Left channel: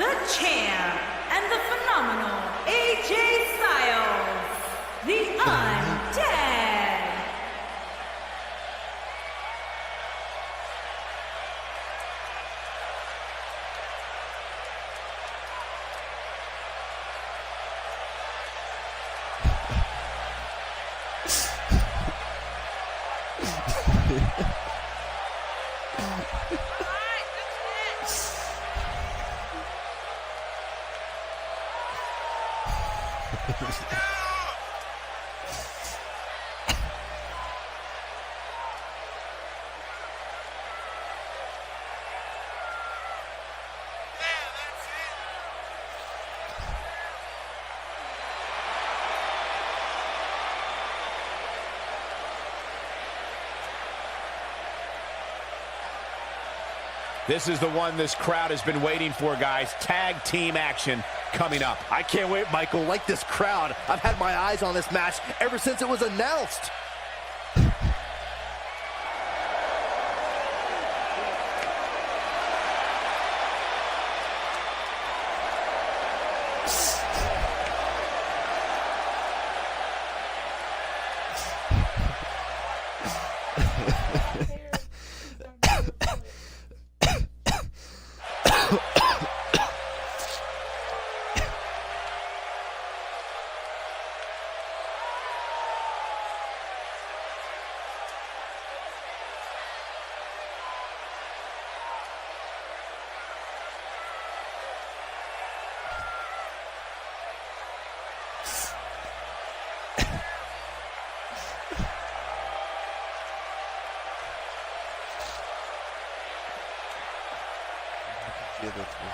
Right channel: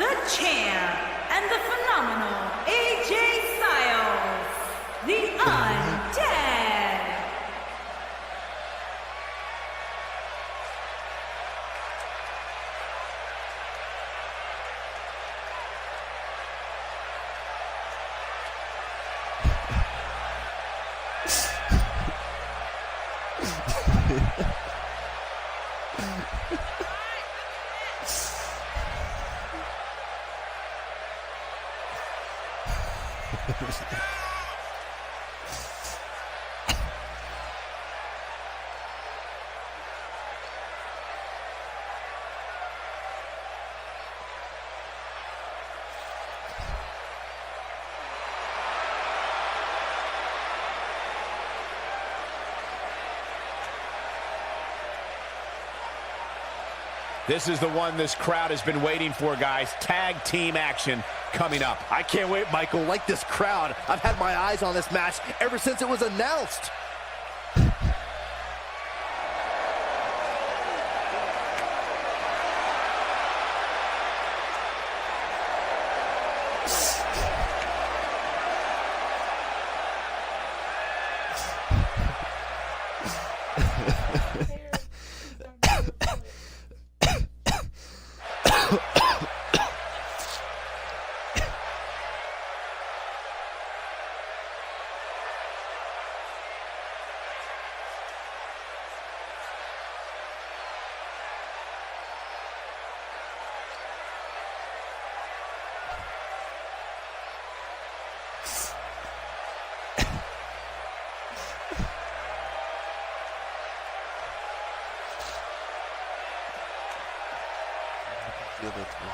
the champ, and the phenomenal AJ Styles, the Undead. This is the one this crowd has been waiting for, guys. Tag team action coming up. I can't wait, Michael. Like this crowd, I've had my eyes on this match ever since it was announced. The other three.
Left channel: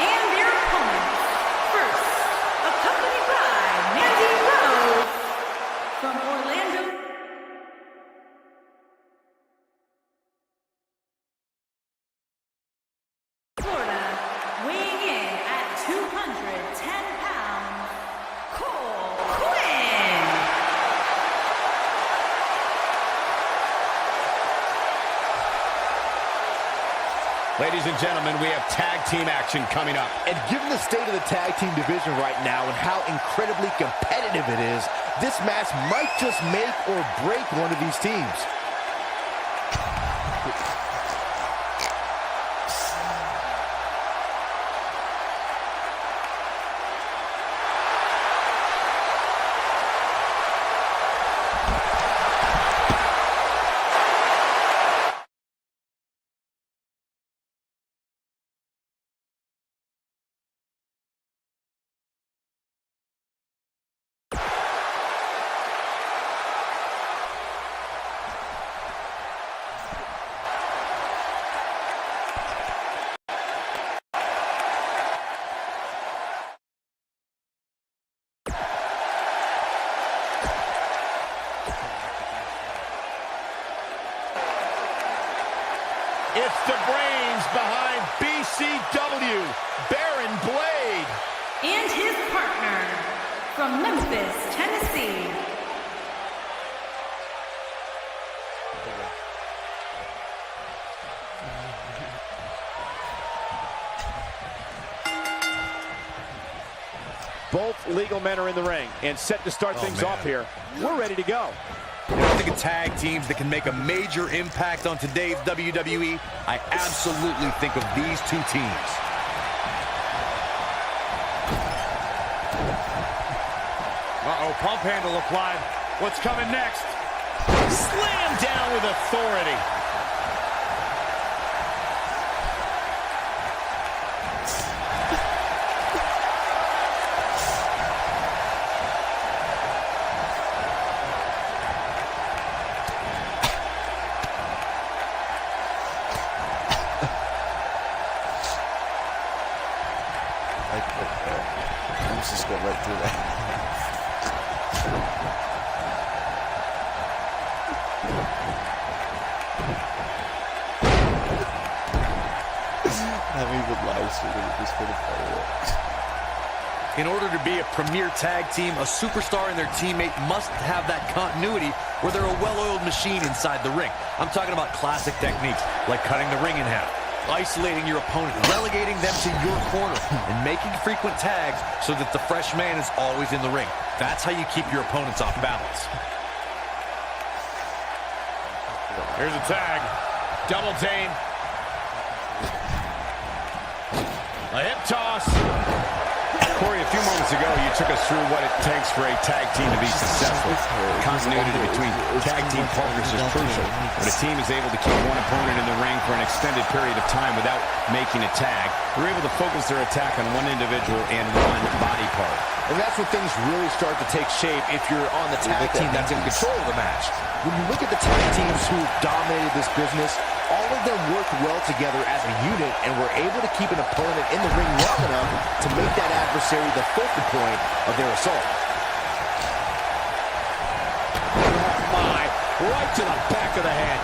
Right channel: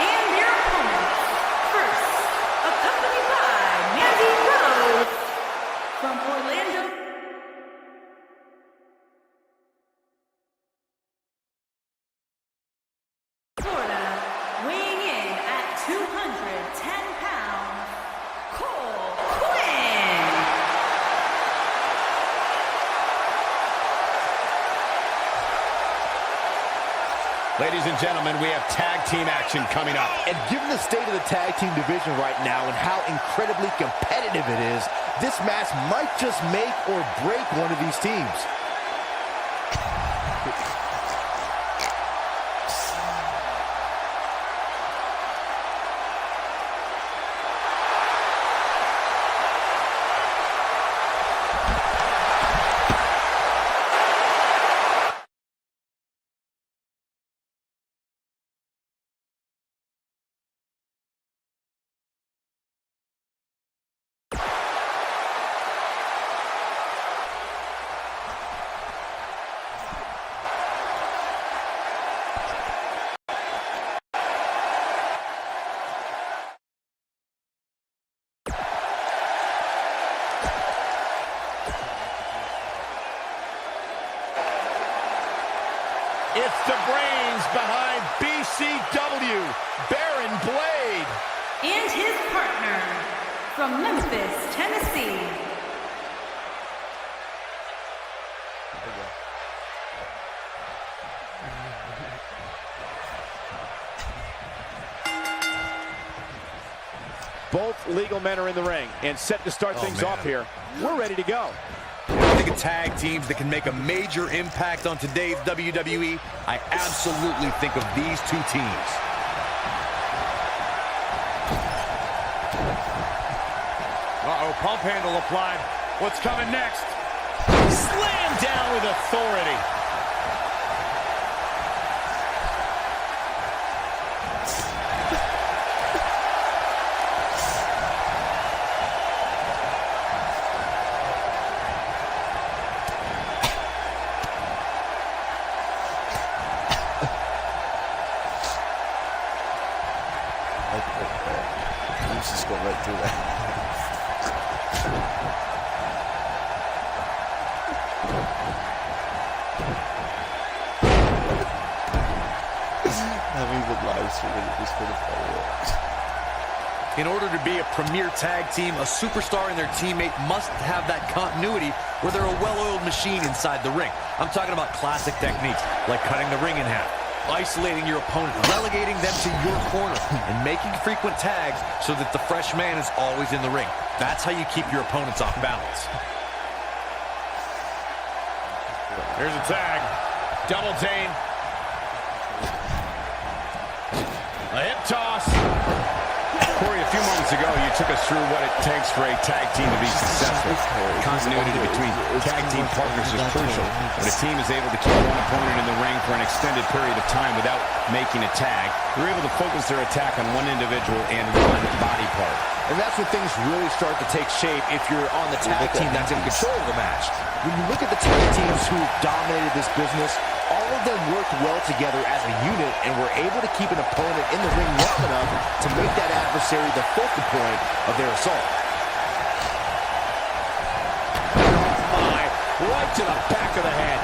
And their opponents, first, accompanied by Mandy Rose from Orlando, Florida, weighing in at 210 pounds, Cole Quinn. Ladies and gentlemen, we have tag team action coming up. And given the state of the tag team division right now and how incredibly competitive it is, this match might just make or break one of these teams. It's the brains behind BCW, Baron Blade. And his partner from Memphis, Tennessee. Both legal men are in the ring and set to start things off here. We're ready to go. When I think of tag teams that can make a major impact on today's WWE, I absolutely think of these two teams. Uh-oh, pump handle applied. What's coming next? Slam down with authority. Let's just go right through that. Not even live streaming it just for the fun of it. In order to be a premier tag team, a superstar and their teammate must have that continuity where they're a well-oiled machine inside the ring. I'm talking about classic techniques like cutting the ring in half, isolating your opponent, relegating them to your corner, and making frequent tags so that the fresh man is always in the ring. That's how you keep your opponents off balance. Here's a tag. Double team. A hip toss. Corey, a few moments ago, you took us through what it takes for a tag team to be successful. Continuity between tag team partners is crucial. When a team is able to keep one opponent in the ring for an extended period of time without making a tag, they're able to focus their attack on one individual and one body part. And that's when things really start to take shape if you're on the tag team that's in control of the match. When you look at the tag teams who've dominated this business, all of them worked well together as a unit and were able to keep an opponent in the ring long enough to make that adversary the focal point of their assault. Oh my, right to the back of the head.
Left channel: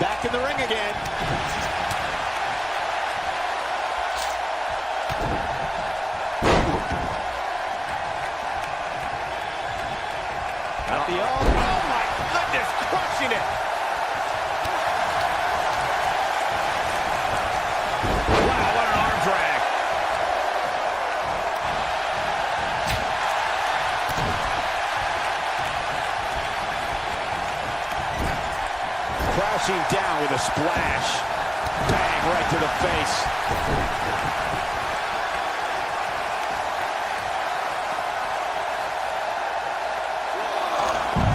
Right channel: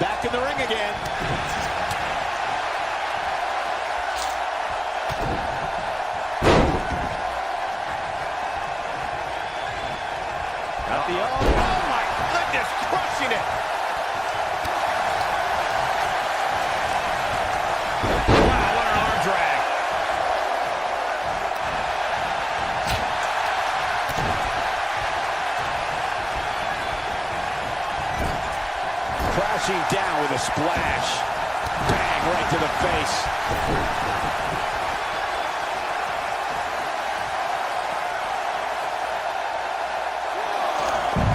Back in the ring again. Got the oh my goodness, crushing it. Wow, what an arm drag. Crashing down with a splash. Bang, right to the face.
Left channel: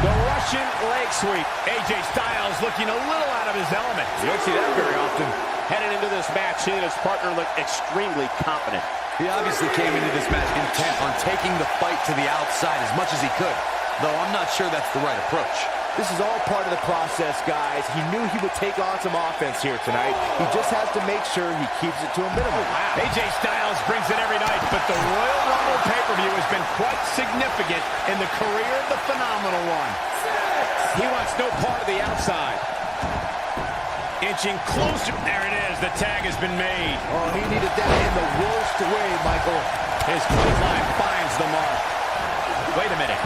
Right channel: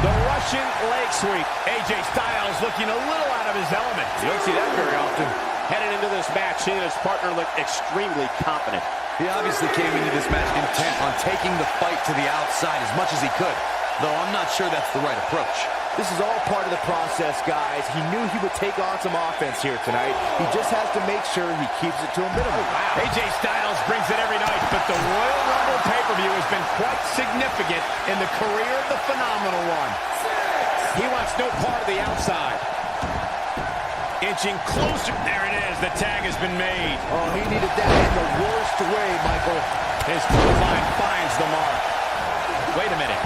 The Russian leg sweep. AJ Styles looking a little out of his element. You don't see that very often. Headed into this match, he and his partner look extremely confident. He obviously came into this match intent on taking the fight to the outside as much as he could, though I'm not sure that's the right approach. This is all part of the process, guys. He knew he would take on some offense here tonight. He just has to make sure he keeps it to a minimum. Wow. AJ Styles brings it every night, but the Royal Rumble pay-per-view has been quite significant in the career of the Phenomenal One. He wants no part of the outside. Inching closer. There it is. The tag has been made. Oh, he needed that in the worst way, Michael. His clothesline finds the mark. Wait a minute.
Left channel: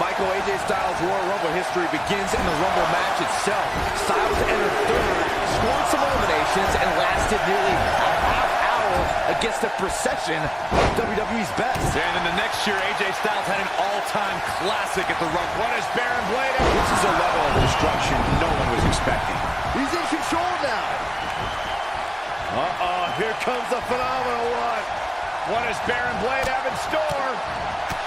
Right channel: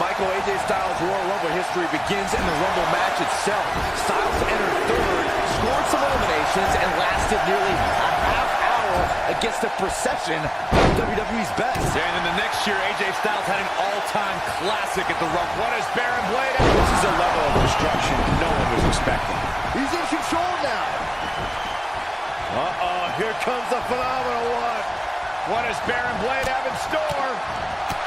Michael, AJ Styles' Royal Rumble history begins in the Rumble match itself. Styles entered third, scored some eliminations, and lasted nearly a half hour against a procession of WWE's best. And in the next year, AJ Styles had an all-time classic at the Rumble. What is Baron Blade? This is a level of destruction no one was expecting. He's in control now. Uh-oh, here comes the Phenomenal One. What does Baron Blade have in store?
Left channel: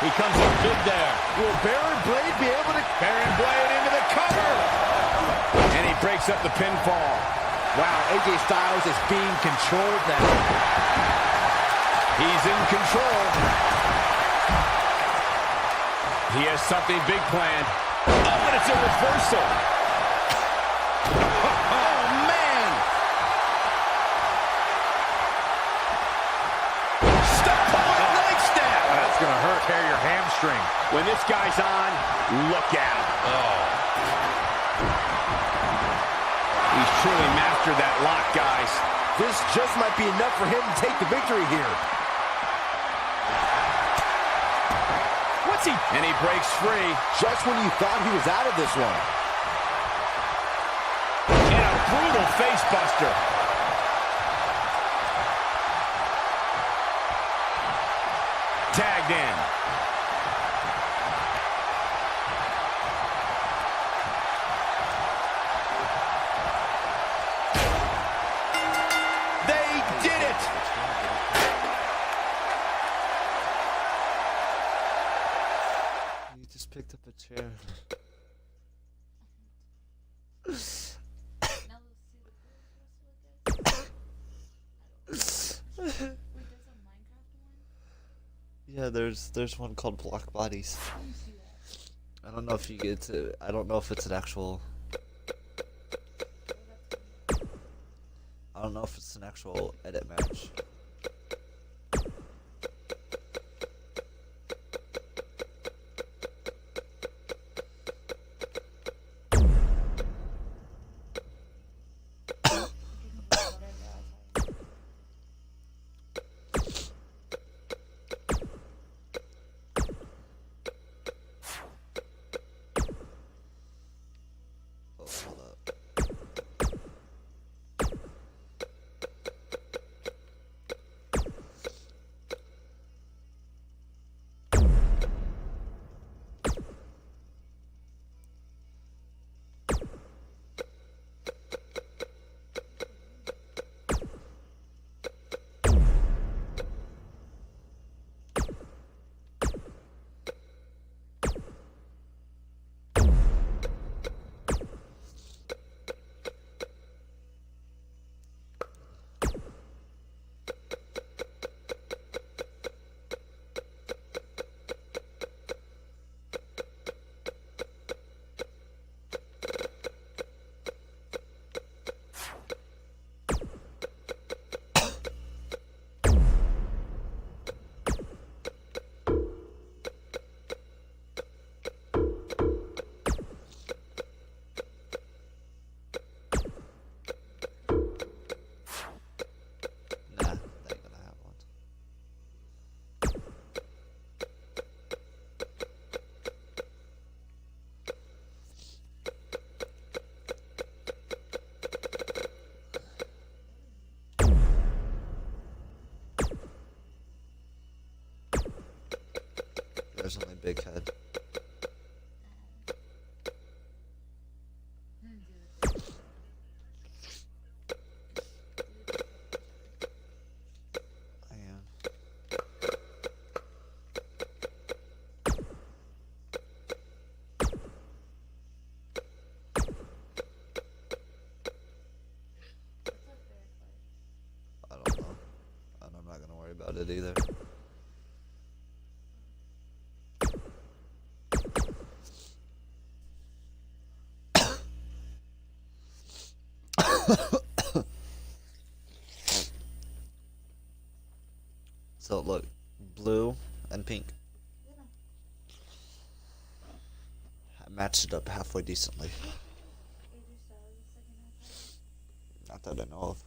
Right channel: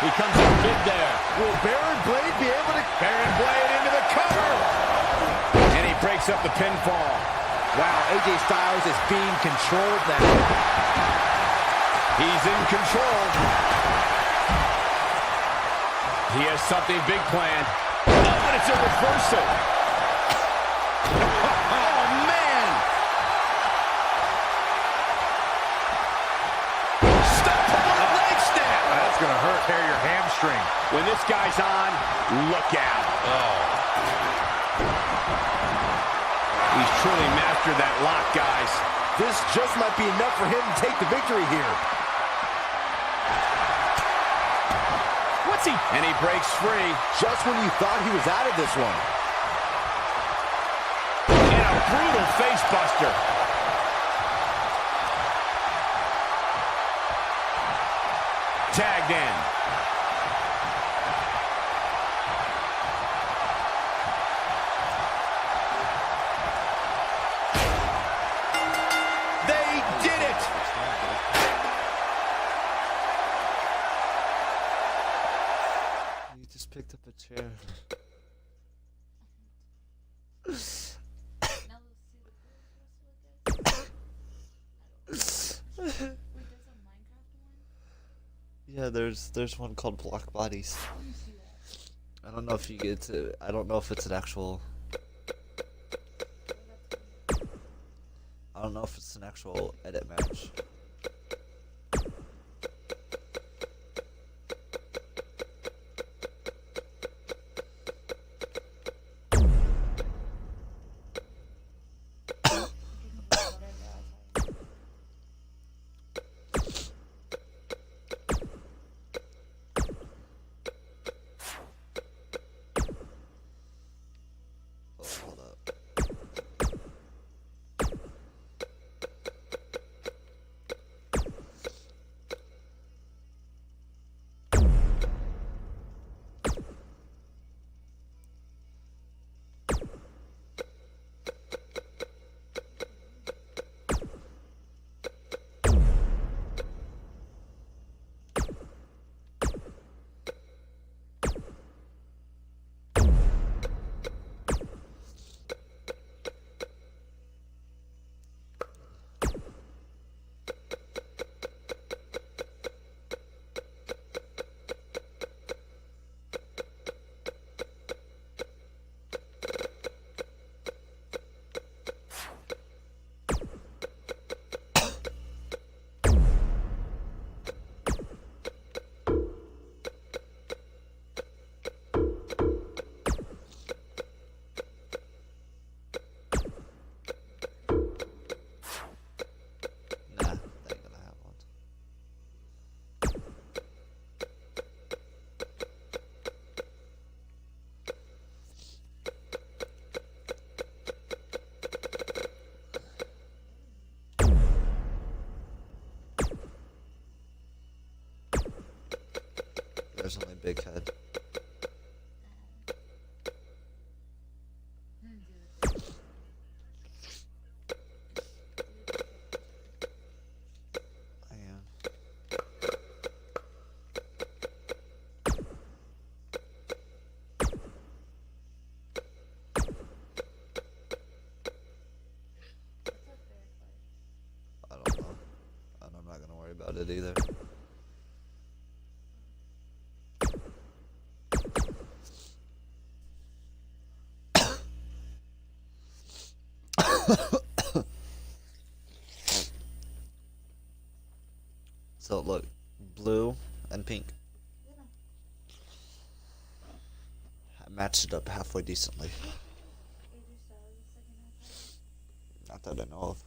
He comes up big there. Will Baron Blade be able to... Baron Blade into the cover. And he breaks up the pinfall. Wow, AJ Styles is being controlled now. He's in control. He has something big planned. Oh, and it's a reversal. Oh, man. Step forward leg snap. That's going to hurt. Tear your hamstring. When this guy's on, look out. Oh. He's truly mastered that lock, guys. This just might be enough for him to take the victory here. What's he? And he breaks free. Just when you thought he was out of this one. And a brutal face buster. Tagged in. They did it! You just picked up a chair. Yeah, there's one called Block Bodies. I don't know if you get to. I don't know if it's an actual. I don't know if it's an actual edit match. big head. I am. I don't know. And I'm not gonna worry about it either. So look, blue and pink. I matched it up halfway decently. Not that I know of.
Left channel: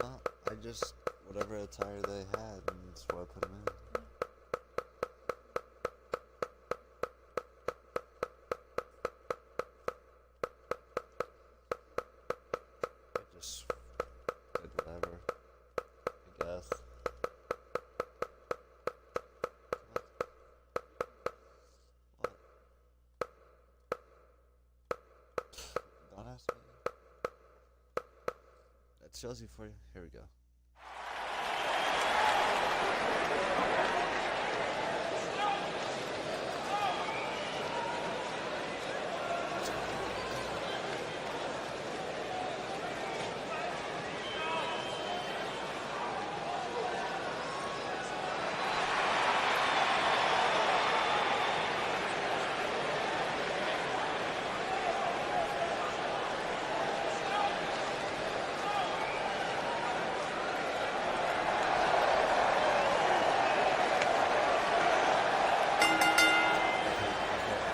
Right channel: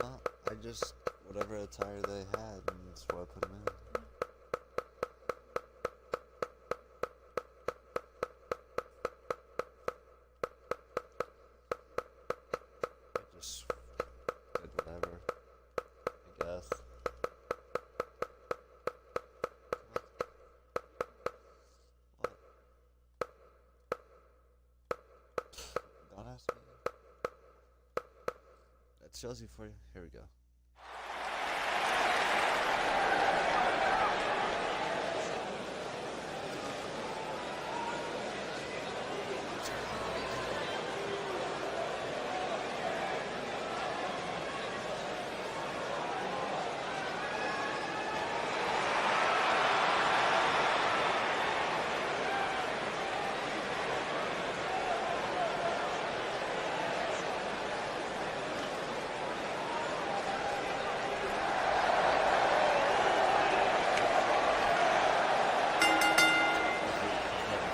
Well, I just, whatever attire they had, and that's why I put them in. I just did whatever, I guess. What? Don't ask me. That shows you for you. Here we go.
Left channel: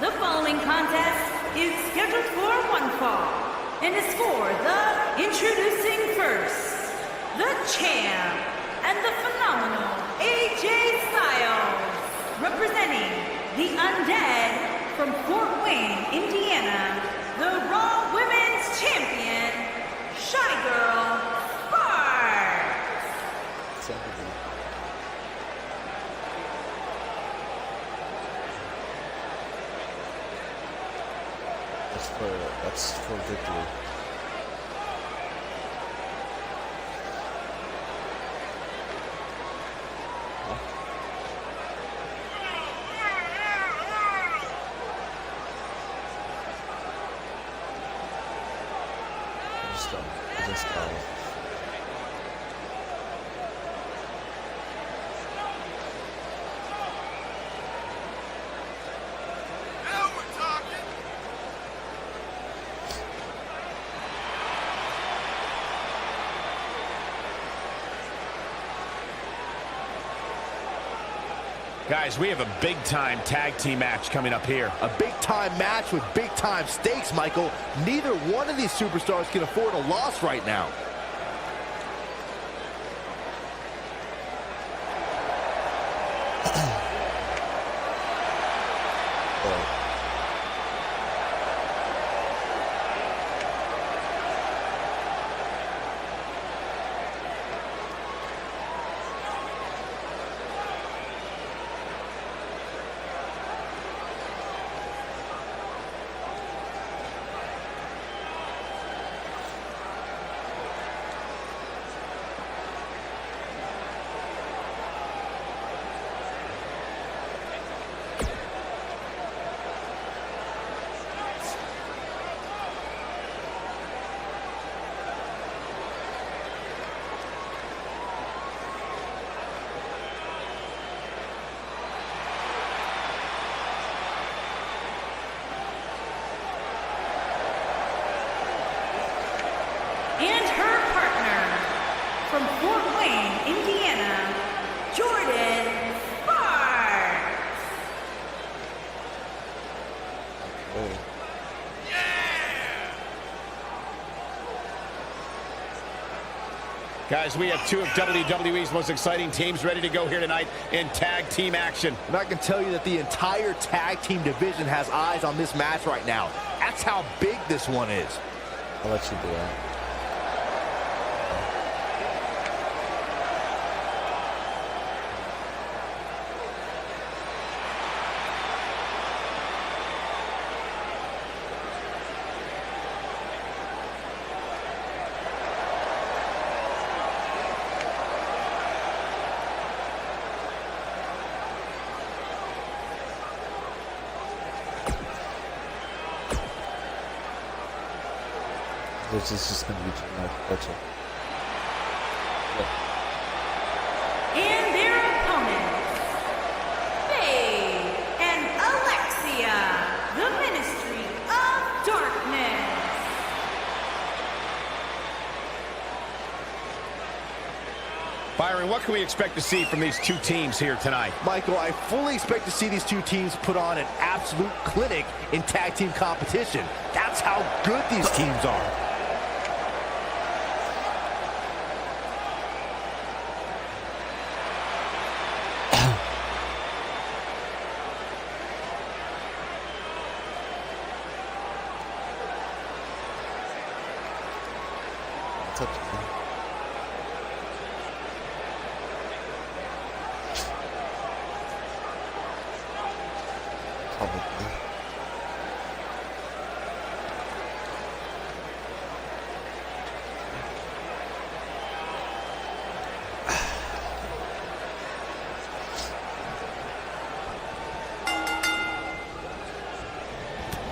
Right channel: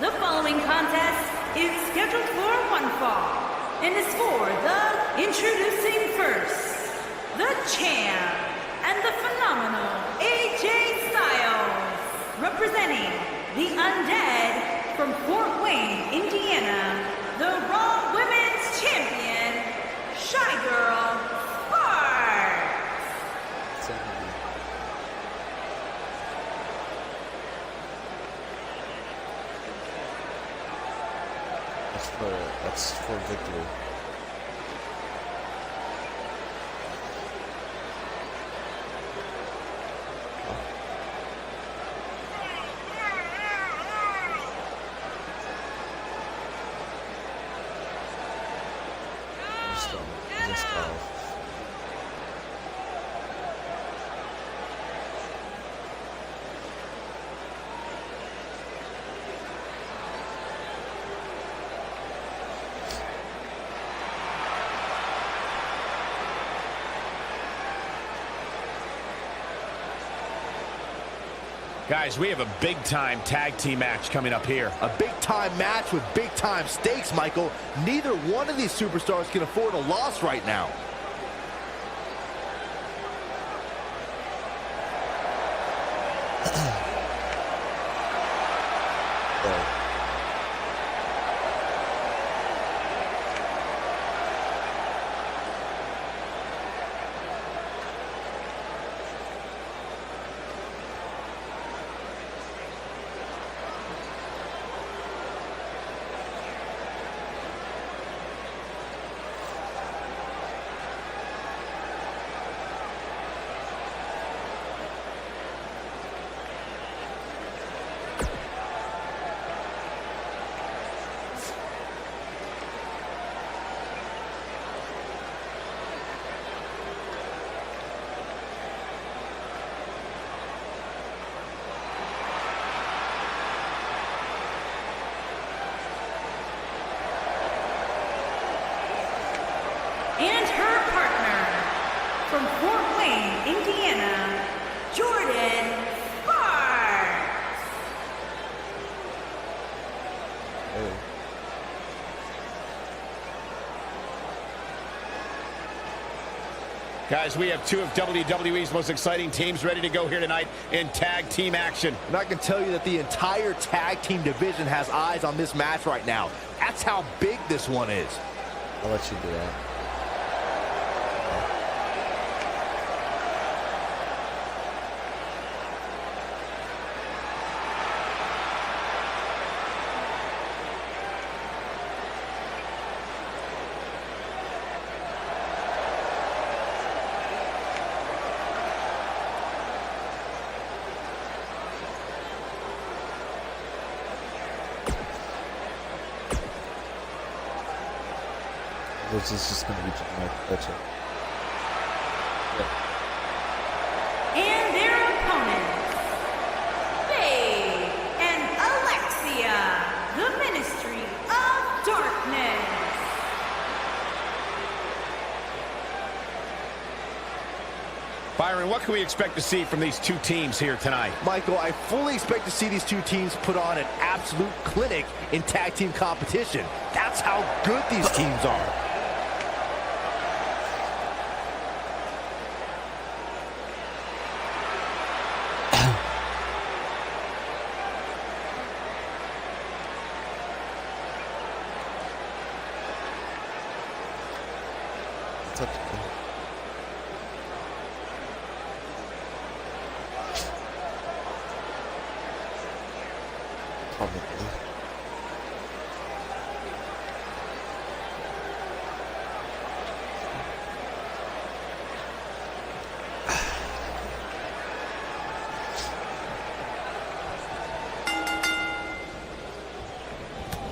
The following contest is scheduled for one fall and is for the introducing first, the champ, and the phenomenal AJ Styles, representing the Undead from Fort Wayne, Indiana, the Raw Women's Champion, Shy Girl Spark. 70. That's for victory. Huh? I just Guys, we have a big-time tag team match coming up here. A big-time match with big-time stakes, Michael. Neither one of these superstars can afford a loss right now. from Fort Wayne, Indiana, Jordan Sparks. Hey. Guys, we have two of WWE's most exciting teams ready to go here tonight in tag team action. And I can tell you that the entire tag team division has eyes on this match right now. That's how big this one is. I'll let you do that. This is just going to be generic. Gotcha. Yeah. And their opponents, Faye and Alexia, the Ministry of Darkness. Byron, what can we expect to see from these two teams here tonight? Michael, I fully expect to see these two teams put on an absolute clinic in tag team competition. That's how good these teams are. It's up to you. Probably.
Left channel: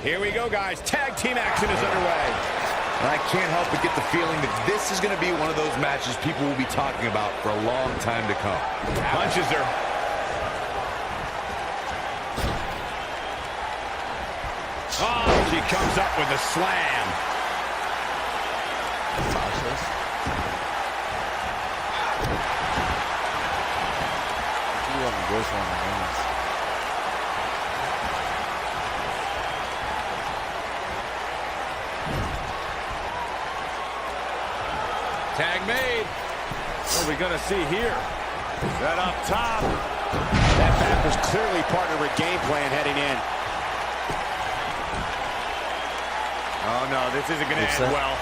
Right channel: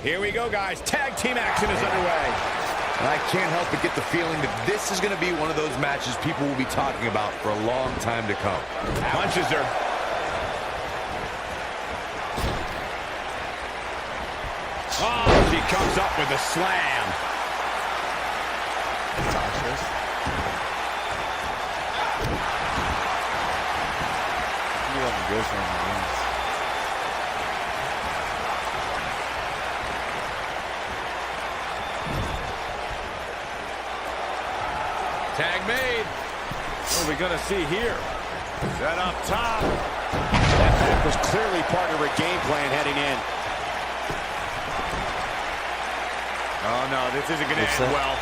Here we go, guys. Tag team action is underway. And I can't help but get the feeling that this is going to be one of those matches people will be talking about for a long time to come. Punches her. Oh, she comes up with a slam. Tasha's. You want to go for my Tag made. What are we going to see here? That up top. That back was clearly part of her game plan heading in. Oh, no, this isn't going to end well.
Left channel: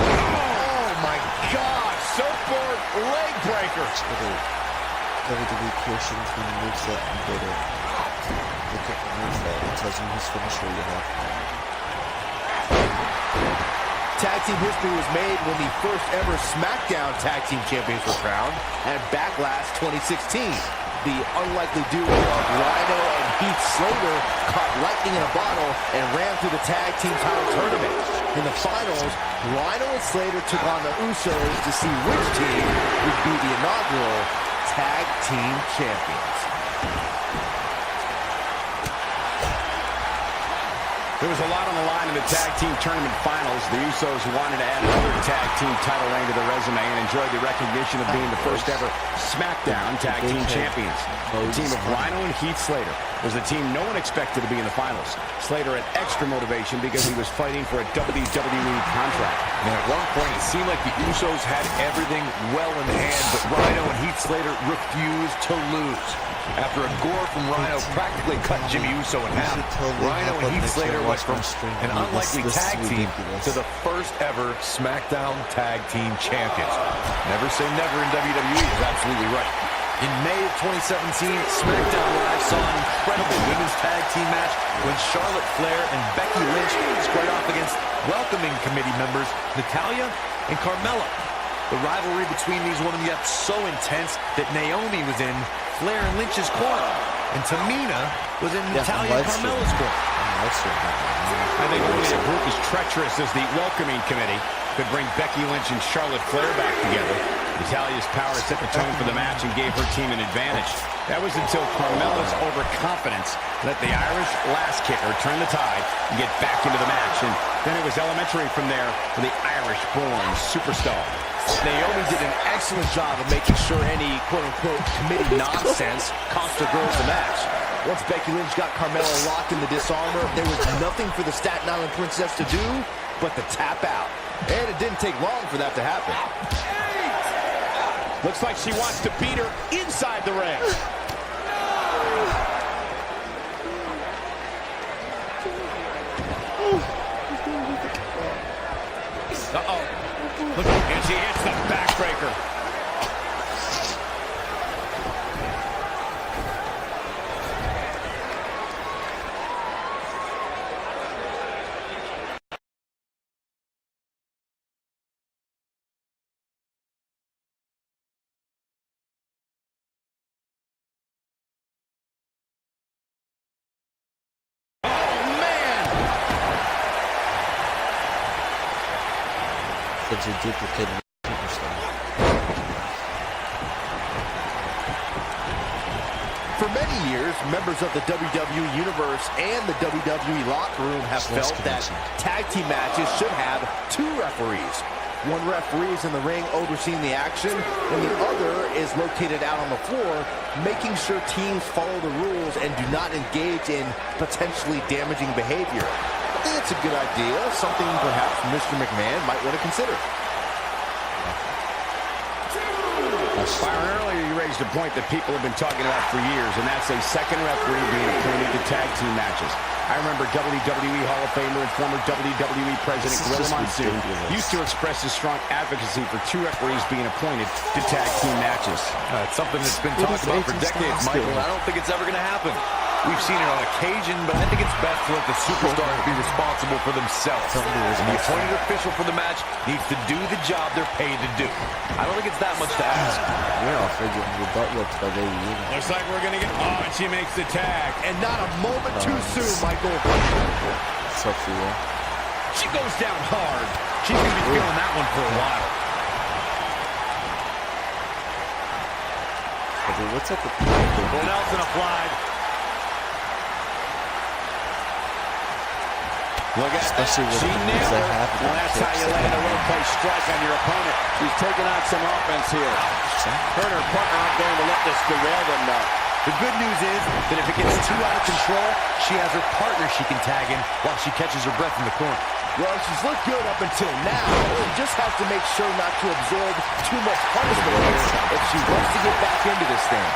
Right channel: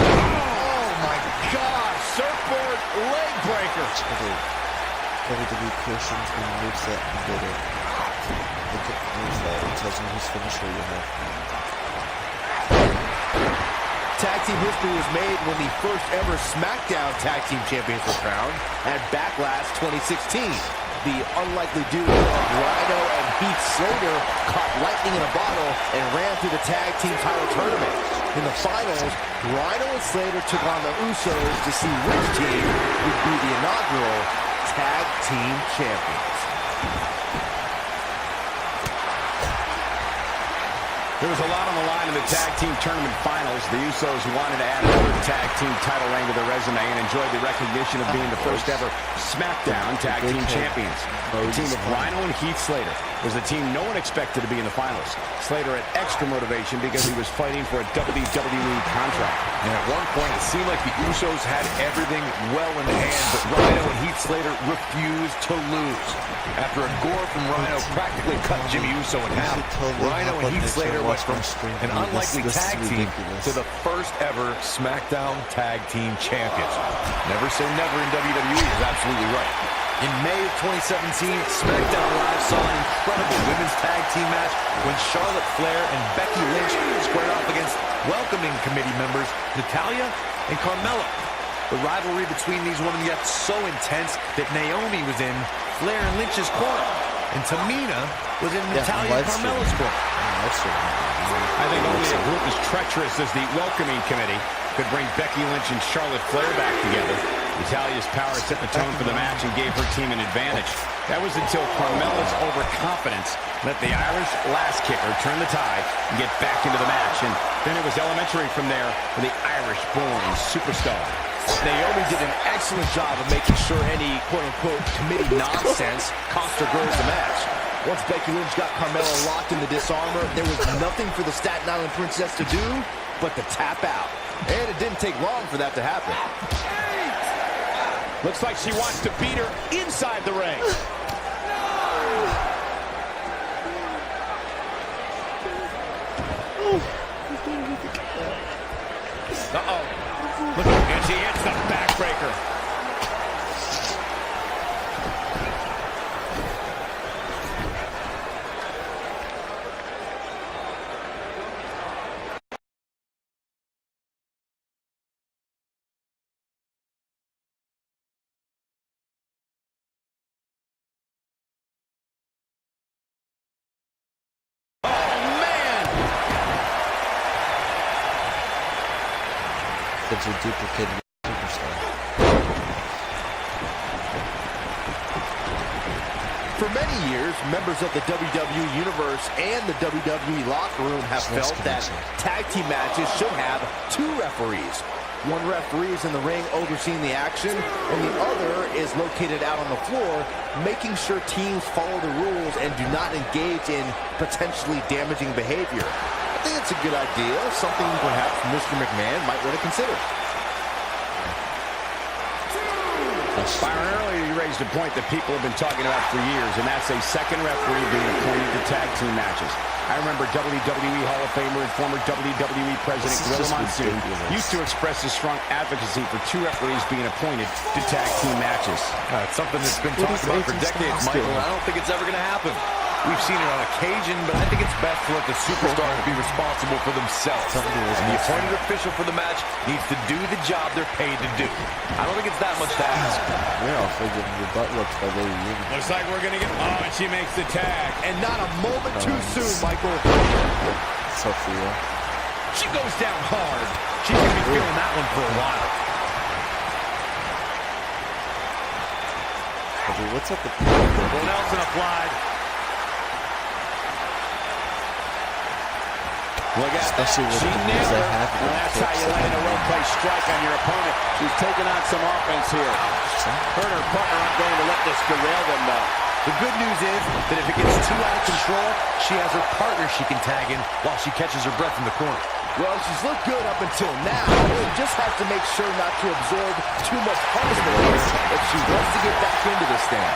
Oh, my gosh. Surfboard leg breaker. WWE Christian's been moveset and did it. Look at the moveset. It tells you whose finisher you have. Tag team history was made when the first ever SmackDown Tag Team Champions were crowned at Backlash 2016. The unlikely duo of Rhino and Heath Slater caught lightning in a bottle and ran through the tag team title tournament. In the finals, Rhino and Slater took on the Usos to see which team would be the inaugural Tag Team Champions. There was a lot on the line in the tag team tournament finals. The Usos wanted to add another tag team title reign to their resume and enjoyed the recognition of being the first ever SmackDown Tag Team Champions. The team of Rhino and Heath Slater was the team no one expected to be in the finals. Slater had extra motivation because he was fighting for a WWE contract. And at one point, it seemed like the Usos had everything well in hand, but Rhino and Heath Slater refused to lose. After a gore from Rhino practically cut Jimmy Uso in half, Rhino and Heath Slater went from an unlikely tag team to the first ever SmackDown Tag Team Champions. Never say never in WWE is absolutely right. In May of 2017, SmackDown Live saw an incredible women's tag team match when Charlotte Flair and Becky Lynch squared off against welcoming committee members Natalya and Carmella. The rivalry between these women got so intense that Naomi was in Flair and Lynch's corner, and Tamina was in Natalya and Carmella's corner. I think only a group as treacherous as the welcoming committee could bring Becky Lynch and Charlotte Flair back together. Natalya's power set the tone for the match and gave her team an advantage. That was until Carmella's overconfidence let the Irish last kicker turn the tide and get back into the match. And then it was elementary from there for the Irish-born superstar. Naomi did an excellent job of making sure any quote-unquote committee nonsense cost her girls the match. Once Becky Lynch got Carmella locked in the disarmor, there was nothing for the Staten Island Princess to do but to tap out. And it didn't take long for that to happen. Looks like she wants to beat her inside the ring. Uh-oh. Look, and she hits the backbreaker. Such a duplicated superstar. For many years, members of the WWE Universe and the WWE locker room have felt that tag team matches should have 2 referees. One referee is in the ring overseeing the action, and the other is located out on the floor, making sure teams follow the rules and do not engage in potentially damaging behavior. I think it's a good idea, something perhaps Mr. McMahon might want to consider. Byron, earlier you raised a point that people have been talking about for years, and that's a second referee being appointed to tag team matches. I remember WWE Hall of Famer and former WWE President Gorilla Monsoon used to express his strong advocacy for 2 referees being appointed to tag team matches. It's something that's been talked about for decades, Michael. I don't think it's ever going to happen. We've seen it on occasion, but I think it's best to let the superstars be responsible for themselves. And the appointed official for the match needs to do the job they're paid to do. I don't think it's that much to ask. You're awfully getting your butt whooped by Baby Yoda. Looks like we're going to get... Oh, and she makes the tag. And not a moment too soon, Michael. Sophia. She goes down hard. She's going to be feeling that one for a while. What's up with Full Nelson applied. Look at especially that. She nailed her. Well, that's how you land a well-placed strike on your opponent. She's taking on some offense here. Her and her partner aren't going to let this derail them, though. The good news is that if it gets too out of control, she has her partner she can tag in while she catches her breath in the corner. Well, she's looked good up until now. She just has to make sure not to absorb too much punishment here if she wants to get back into this thing.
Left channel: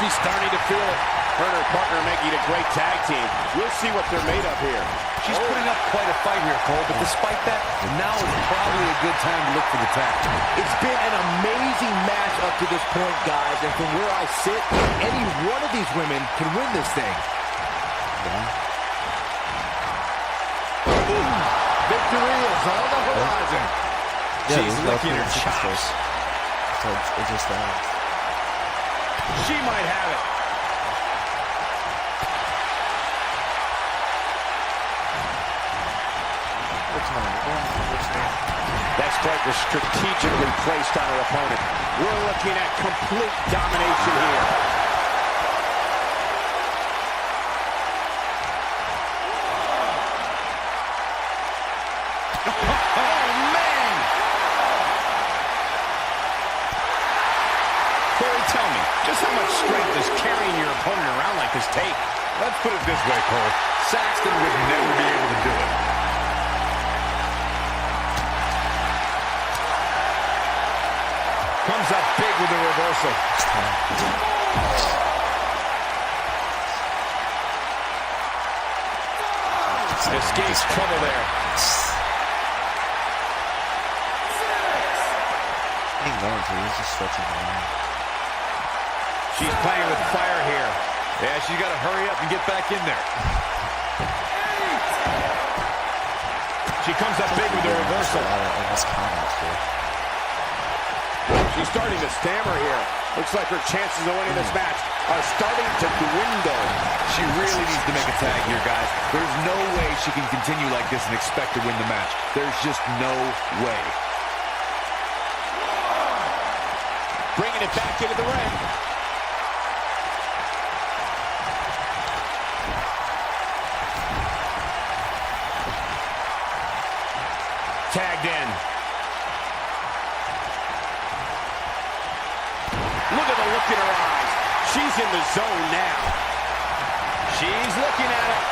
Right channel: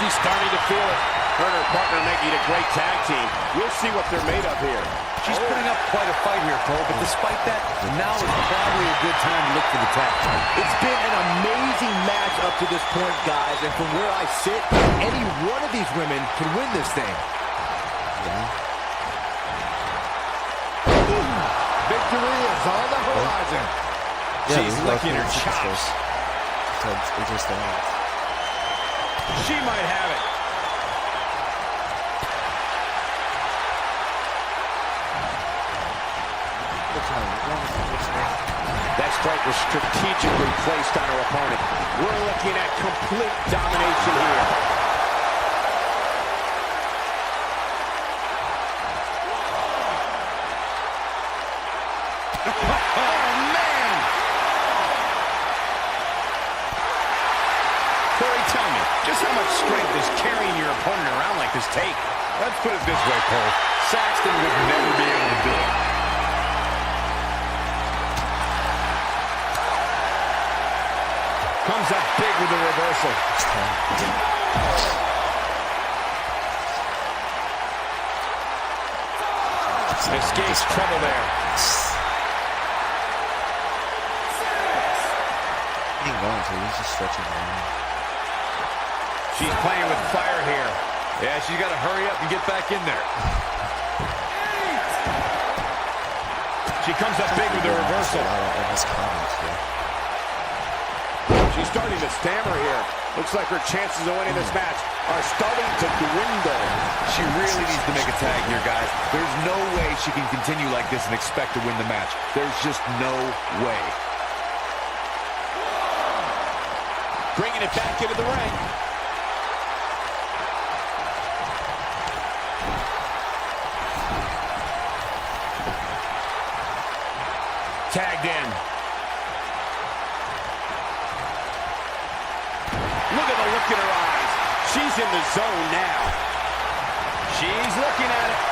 She's starting to feel it. Her and her partner making a great tag team. We'll see what they're made of here. She's putting up quite a fight here, Cole, but despite that, now is probably a good time to look for the tag. It's been an amazing match up to this point, guys, and from where I sit, any one of these women can win this thing. Victory is on the horizon. She's licking her chops. It just ends. She might have it. That strike was strategically placed on her opponent. We're looking at complete domination here. Oh, man! Corey, tell me, just how much strength does carrying your opponent around like this take? Let's put it this way, Cole. Saxton would never be able to do it. Comes up big with the reversal. Escapes trouble there. He ain't going to. He's just stretching around. She's playing with fire here. Yeah, she's got to hurry up and get back in there. She comes up big with the reversal. A lot of almost comments here. She's starting to stammer here. Looks like her chances of winning this match are starting to dwindle. She really needs to make a tag here, guys. There's no way she can continue like this and expect to win the match. There's just no way. Bringing it back into the ring. Tagged in. Look at the look in her eyes. She's in the zone now. She's looking at it.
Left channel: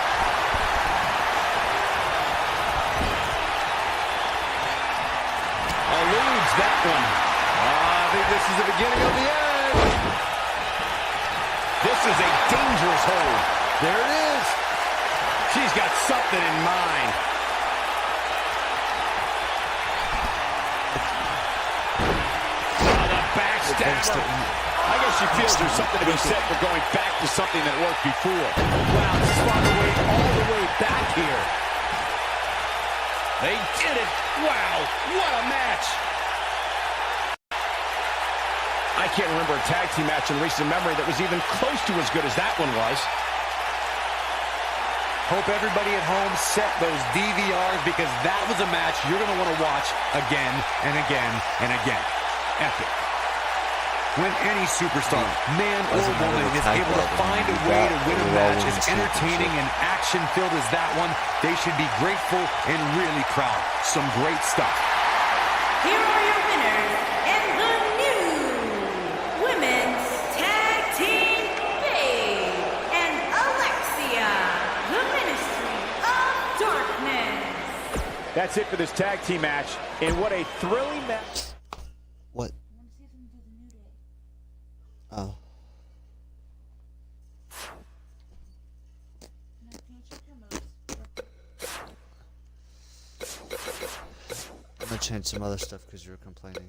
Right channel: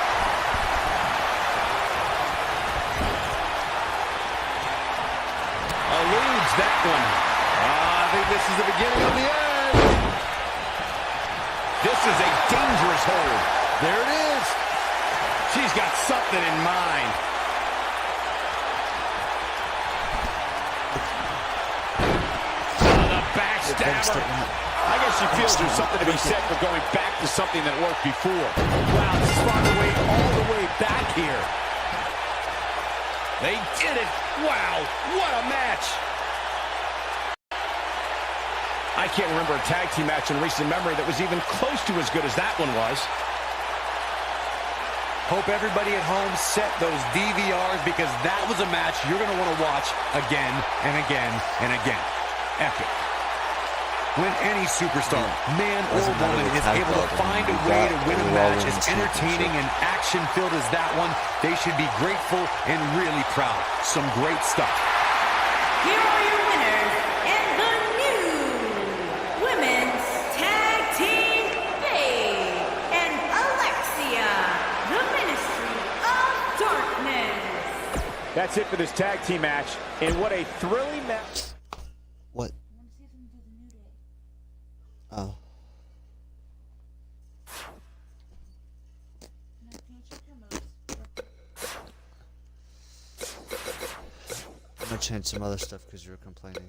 Eludes that one. I think this is the beginning of the end. This is a dangerous hold. There it is. She's got something in mind. The backstabber. I guess she feels there's something to be said for going back to something that worked before. Wow, this is far away, all the way back here. They did it. Wow, what a match. I can't remember a tag team match in recent memory that was even close to as good as that one was. Hope everybody at home set those DVRs, because that was a match you're going to want to watch again and again and again. Epic. When any superstar, man or woman, is able to find a way to win a match as entertaining and action-filled as that one, they should be grateful and really proud. Some great stuff. Here are your winners and the new Women's Tag Team Babe and Alexia, the Ministry of Darkness. That's it for this tag team match. And what a thrilling match. What? Oh. I'm gonna change some other stuff because you were complaining.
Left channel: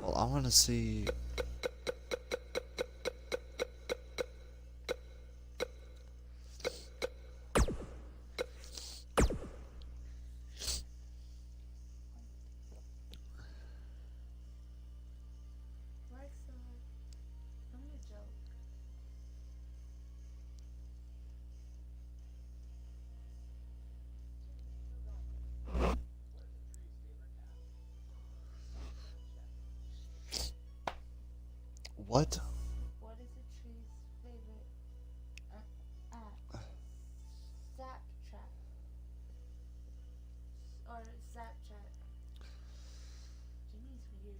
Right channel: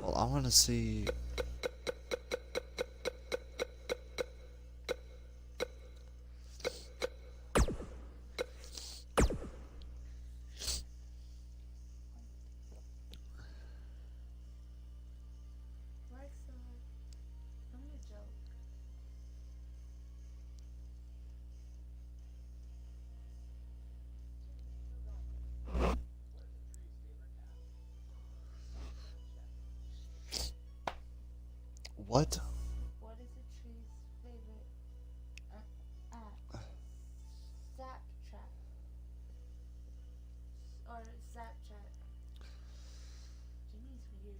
Well, I want to see. What? What is a tree's favorite Zap trap? Or Zap trap? Jimmy's weird.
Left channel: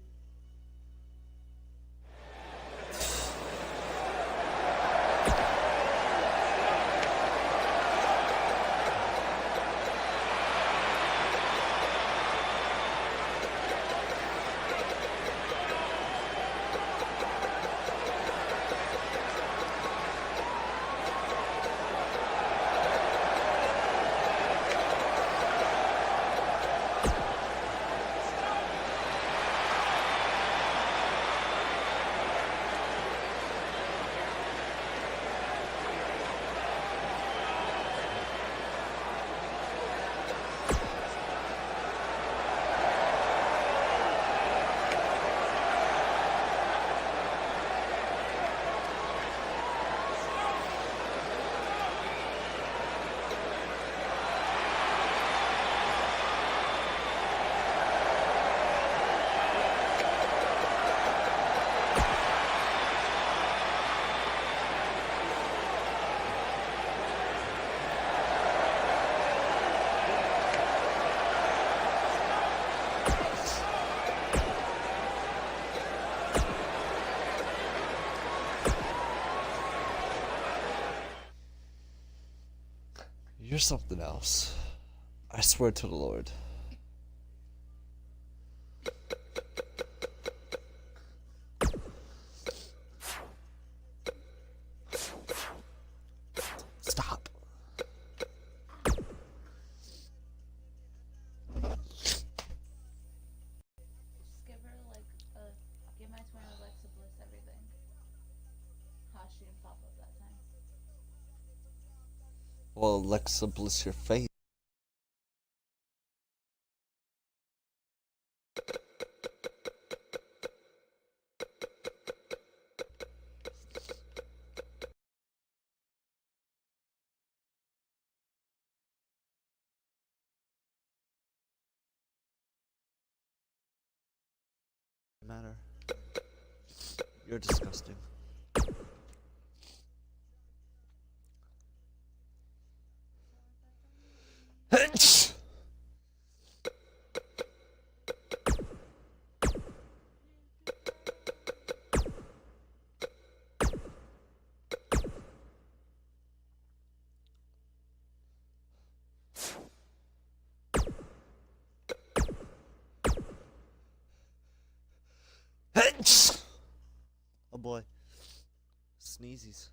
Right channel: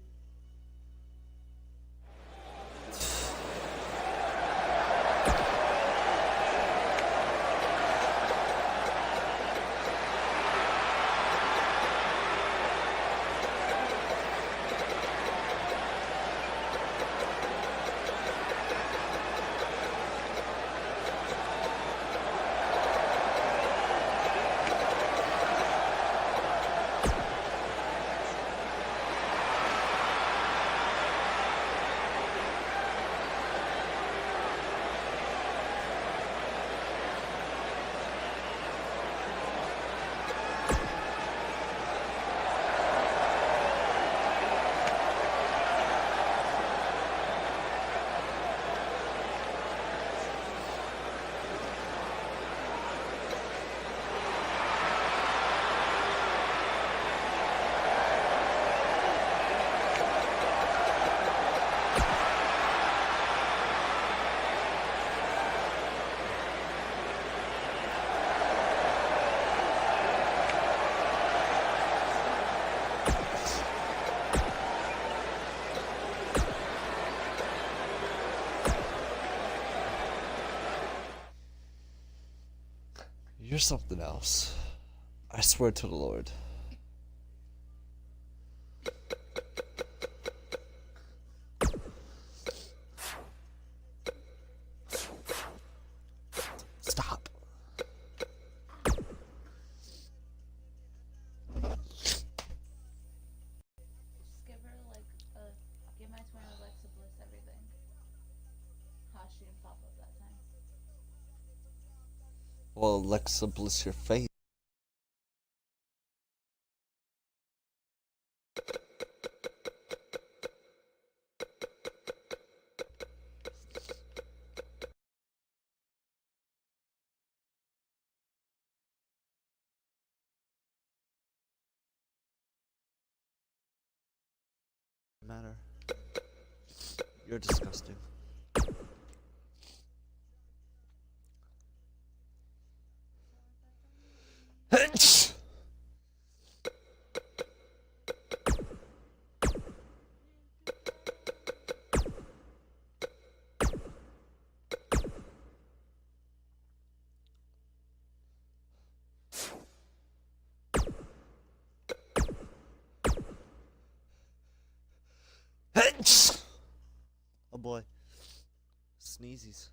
You're something else. I swear to the Lord. Stop. Just give her like give my twin Alexa Bliss everything. How she didn't pop up that time. Well, Alexa, bless your face. matter. You're disgusting. Oh boy. Sneezies.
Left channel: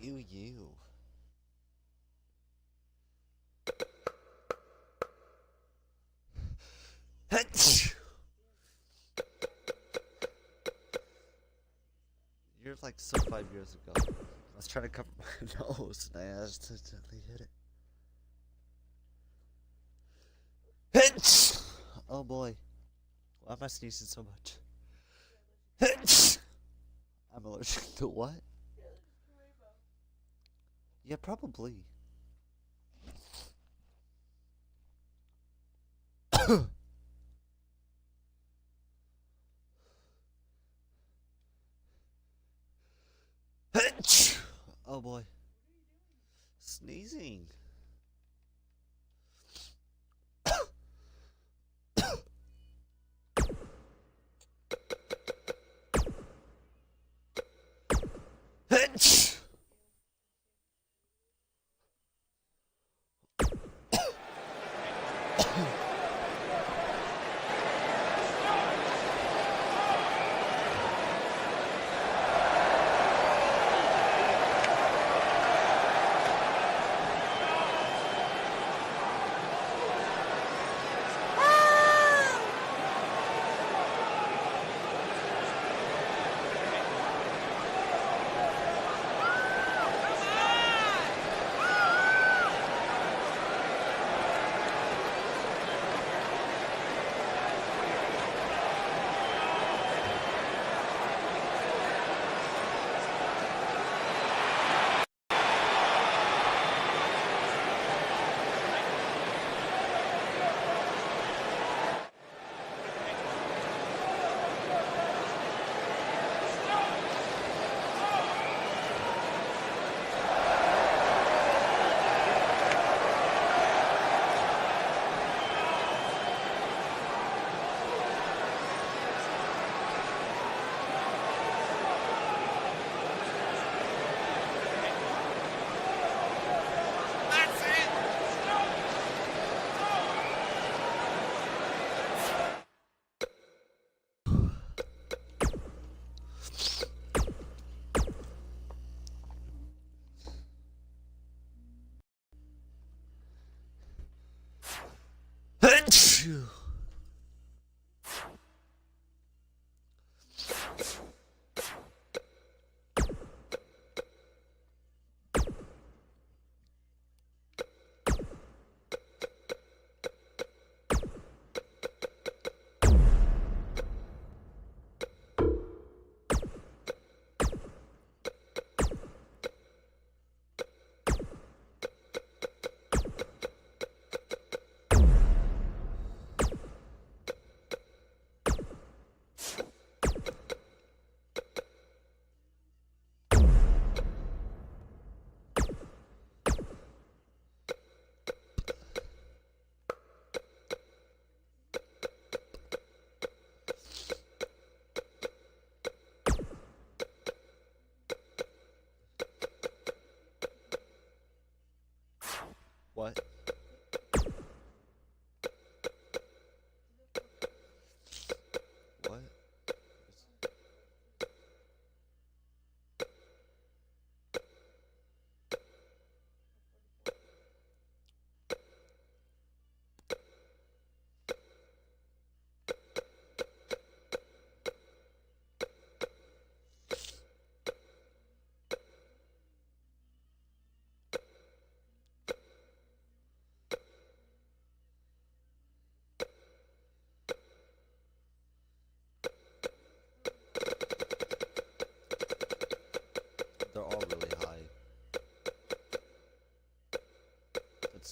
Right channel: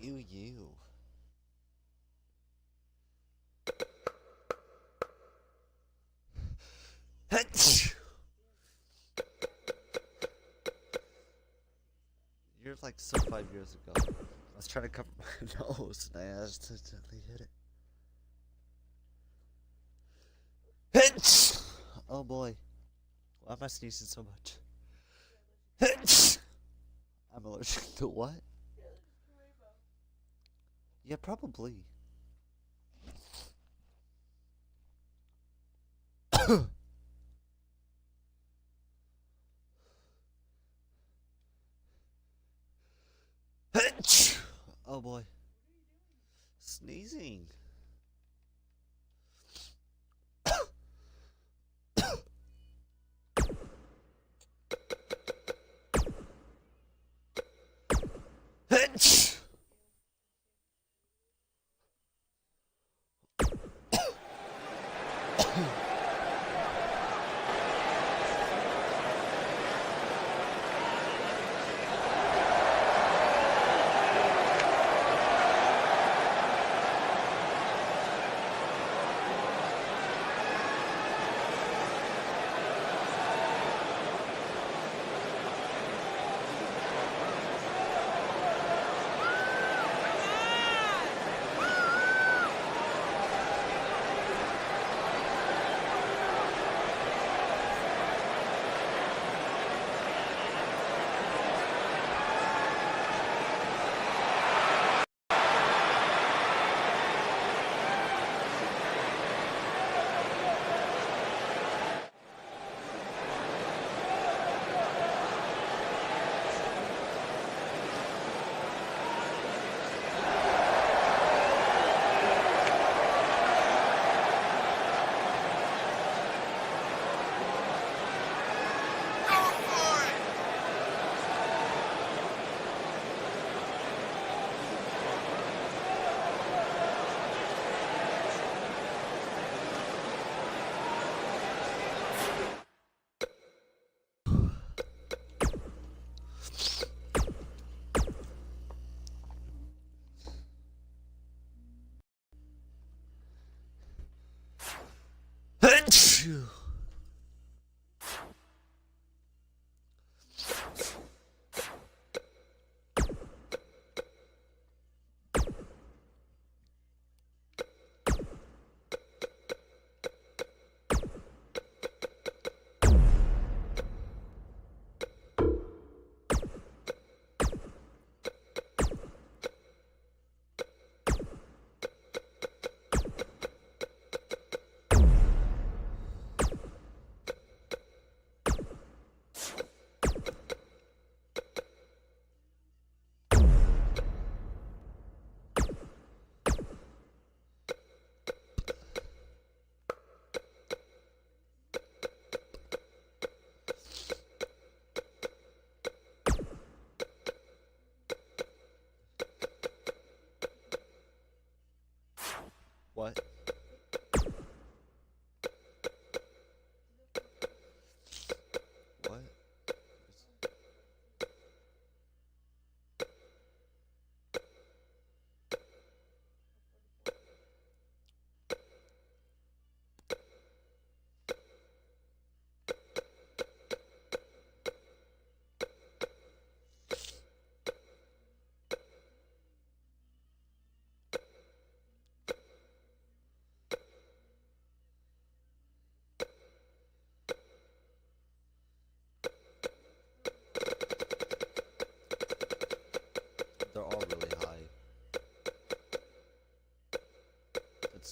Ew, you. You're like so 5 years ago. I was trying to cover my nose and I accidentally hit it. Oh boy. Why am I sneezing so much? I'm allergic to what? Yeah, probably. Oh boy. Sneezing.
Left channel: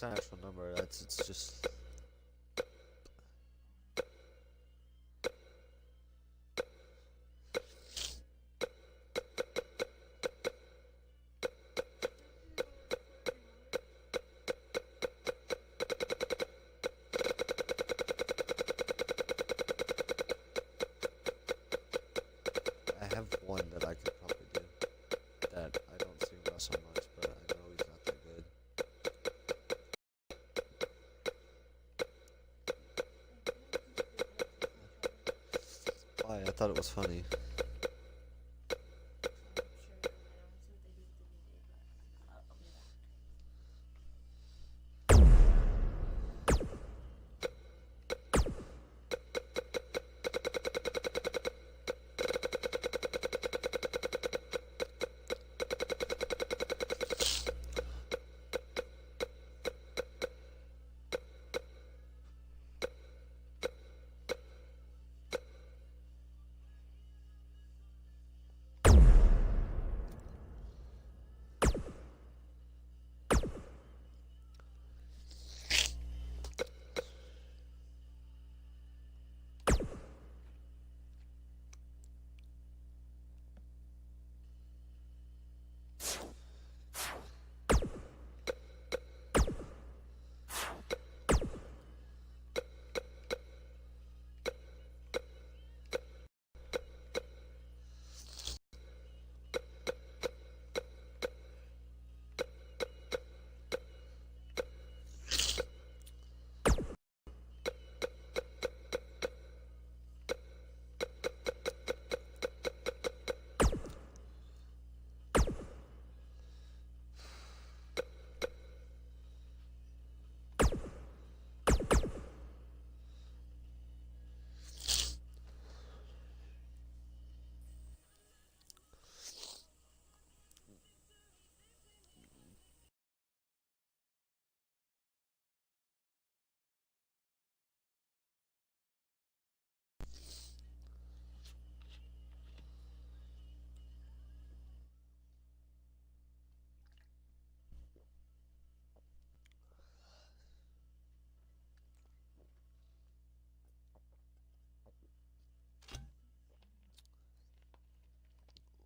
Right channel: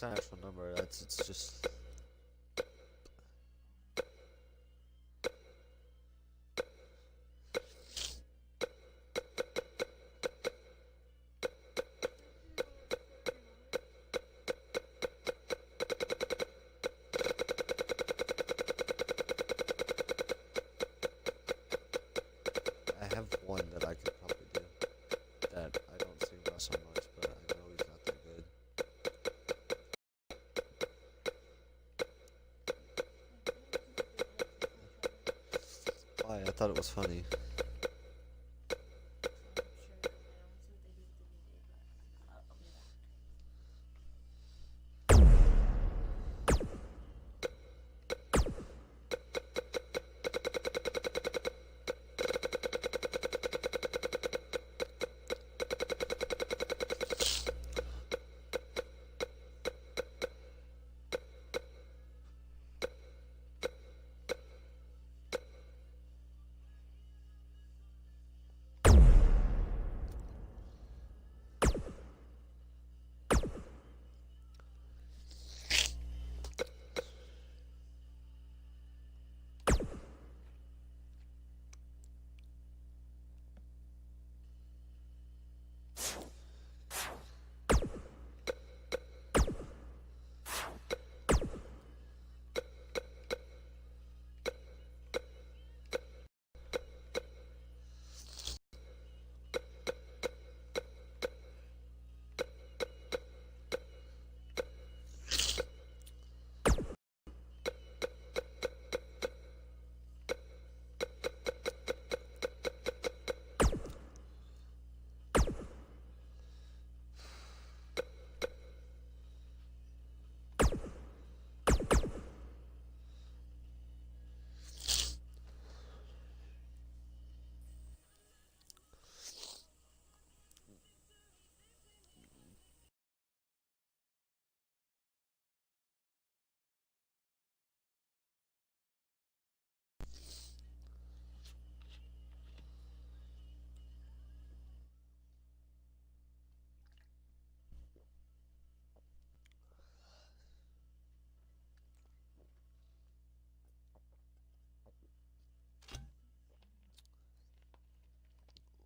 not an actual number. It's just. I have one that I could probably do that I don't see wrestle much, but I know he's not that good. Why? I thought it was funny.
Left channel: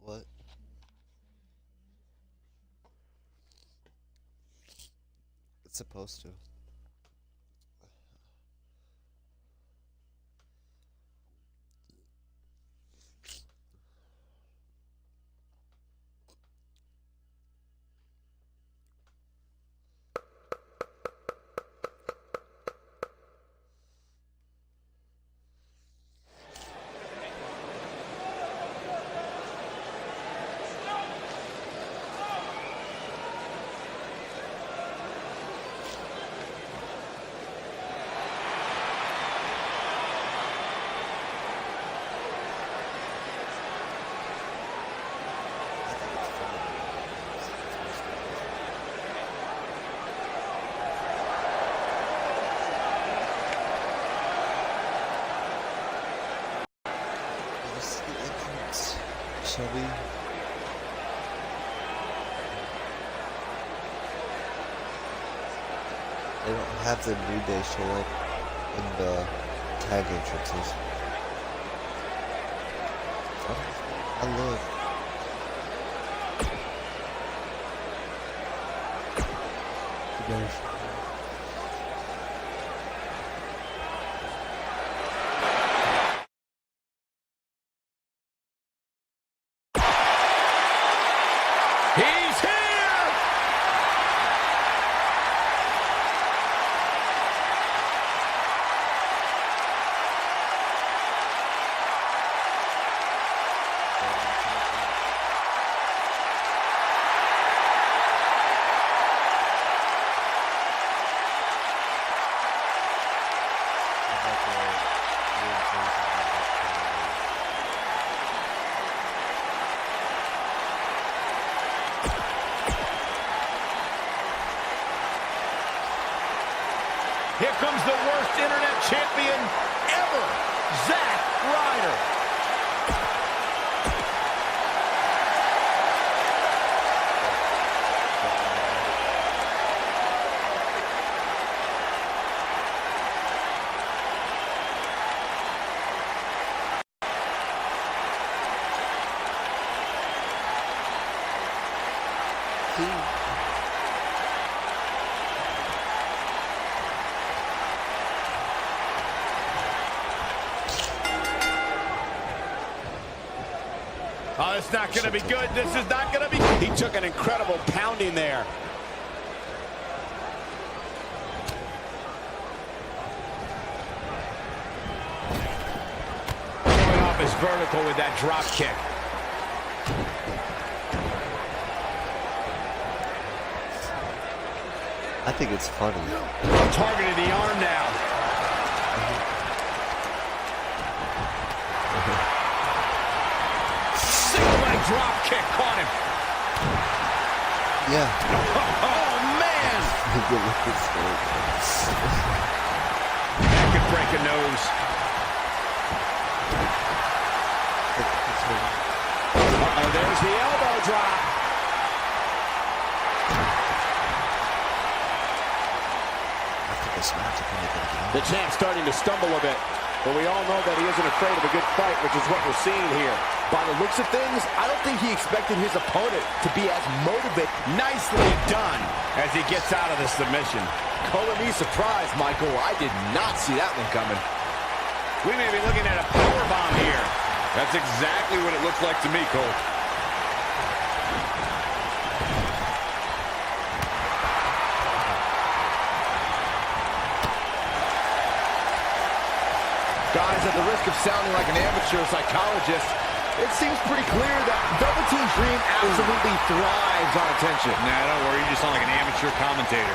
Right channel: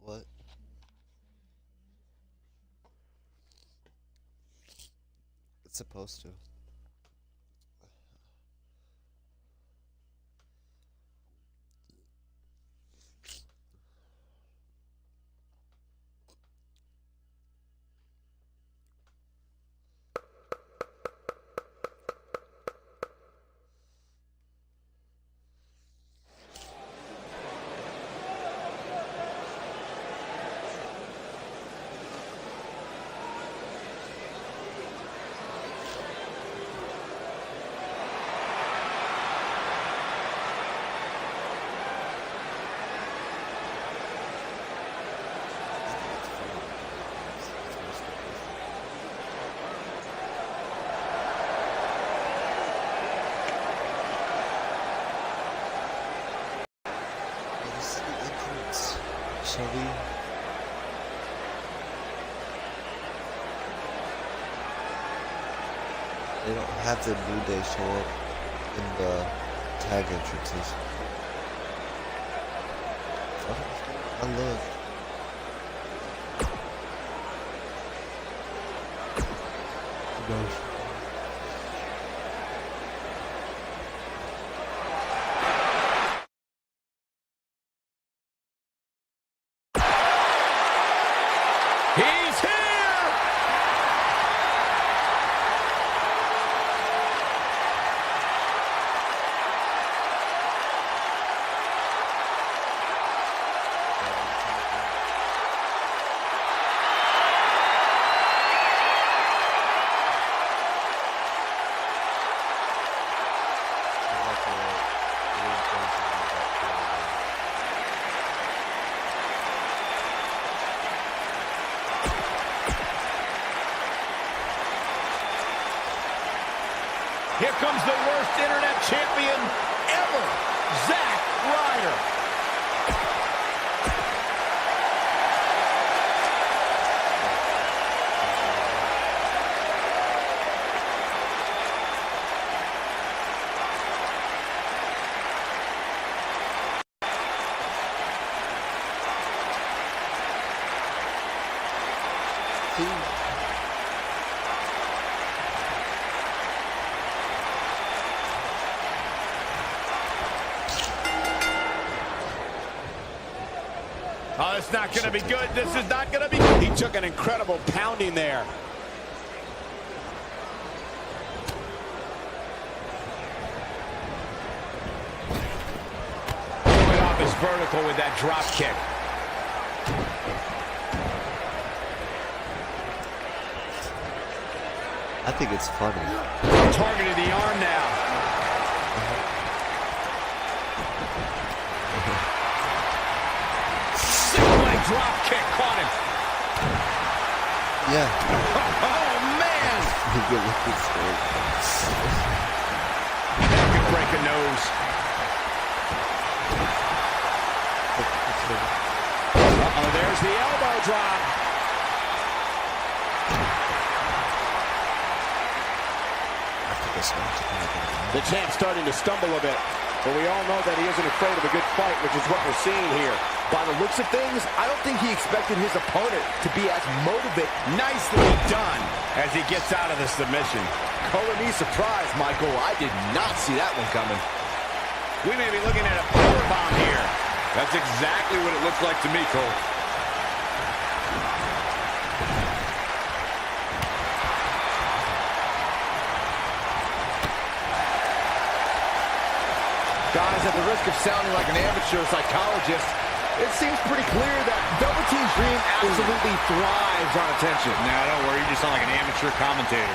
What? It's supposed to. This is the entrance, Shelby. They don't have the New Day show up in the tag entrances. I look. He's here! Here comes the worst internet champion ever, Zack Ryder. too. Oh, it's not going to be good. This is not going to be. He took an incredible pounding there. Going off his vertical with that drop kick. I think it's funny. Targeted the arm now. Single-leg drop kick caught him. Yeah. Oh, man. Good looking story. That could break a nose. Uh-oh, there's the elbow drop. After this match, I'm probably gonna The champ's starting to stumble a bit, but we all know that he isn't afraid of a good fight, which is what we're seeing here. By the looks of things, I don't think he expected his opponent to be as motivated. Nicely done as he gets out of the submission. Color me surprised, Michael. I did not see that one coming. We may be looking at a powerbomb here. That's exactly what it looked like to me, Cole. Guys, at the risk of sounding like an amateur psychologist, it seems pretty clear that Velveteen Dream absolutely thrives on attention. Nah, don't worry. You just sound like an amateur commentator.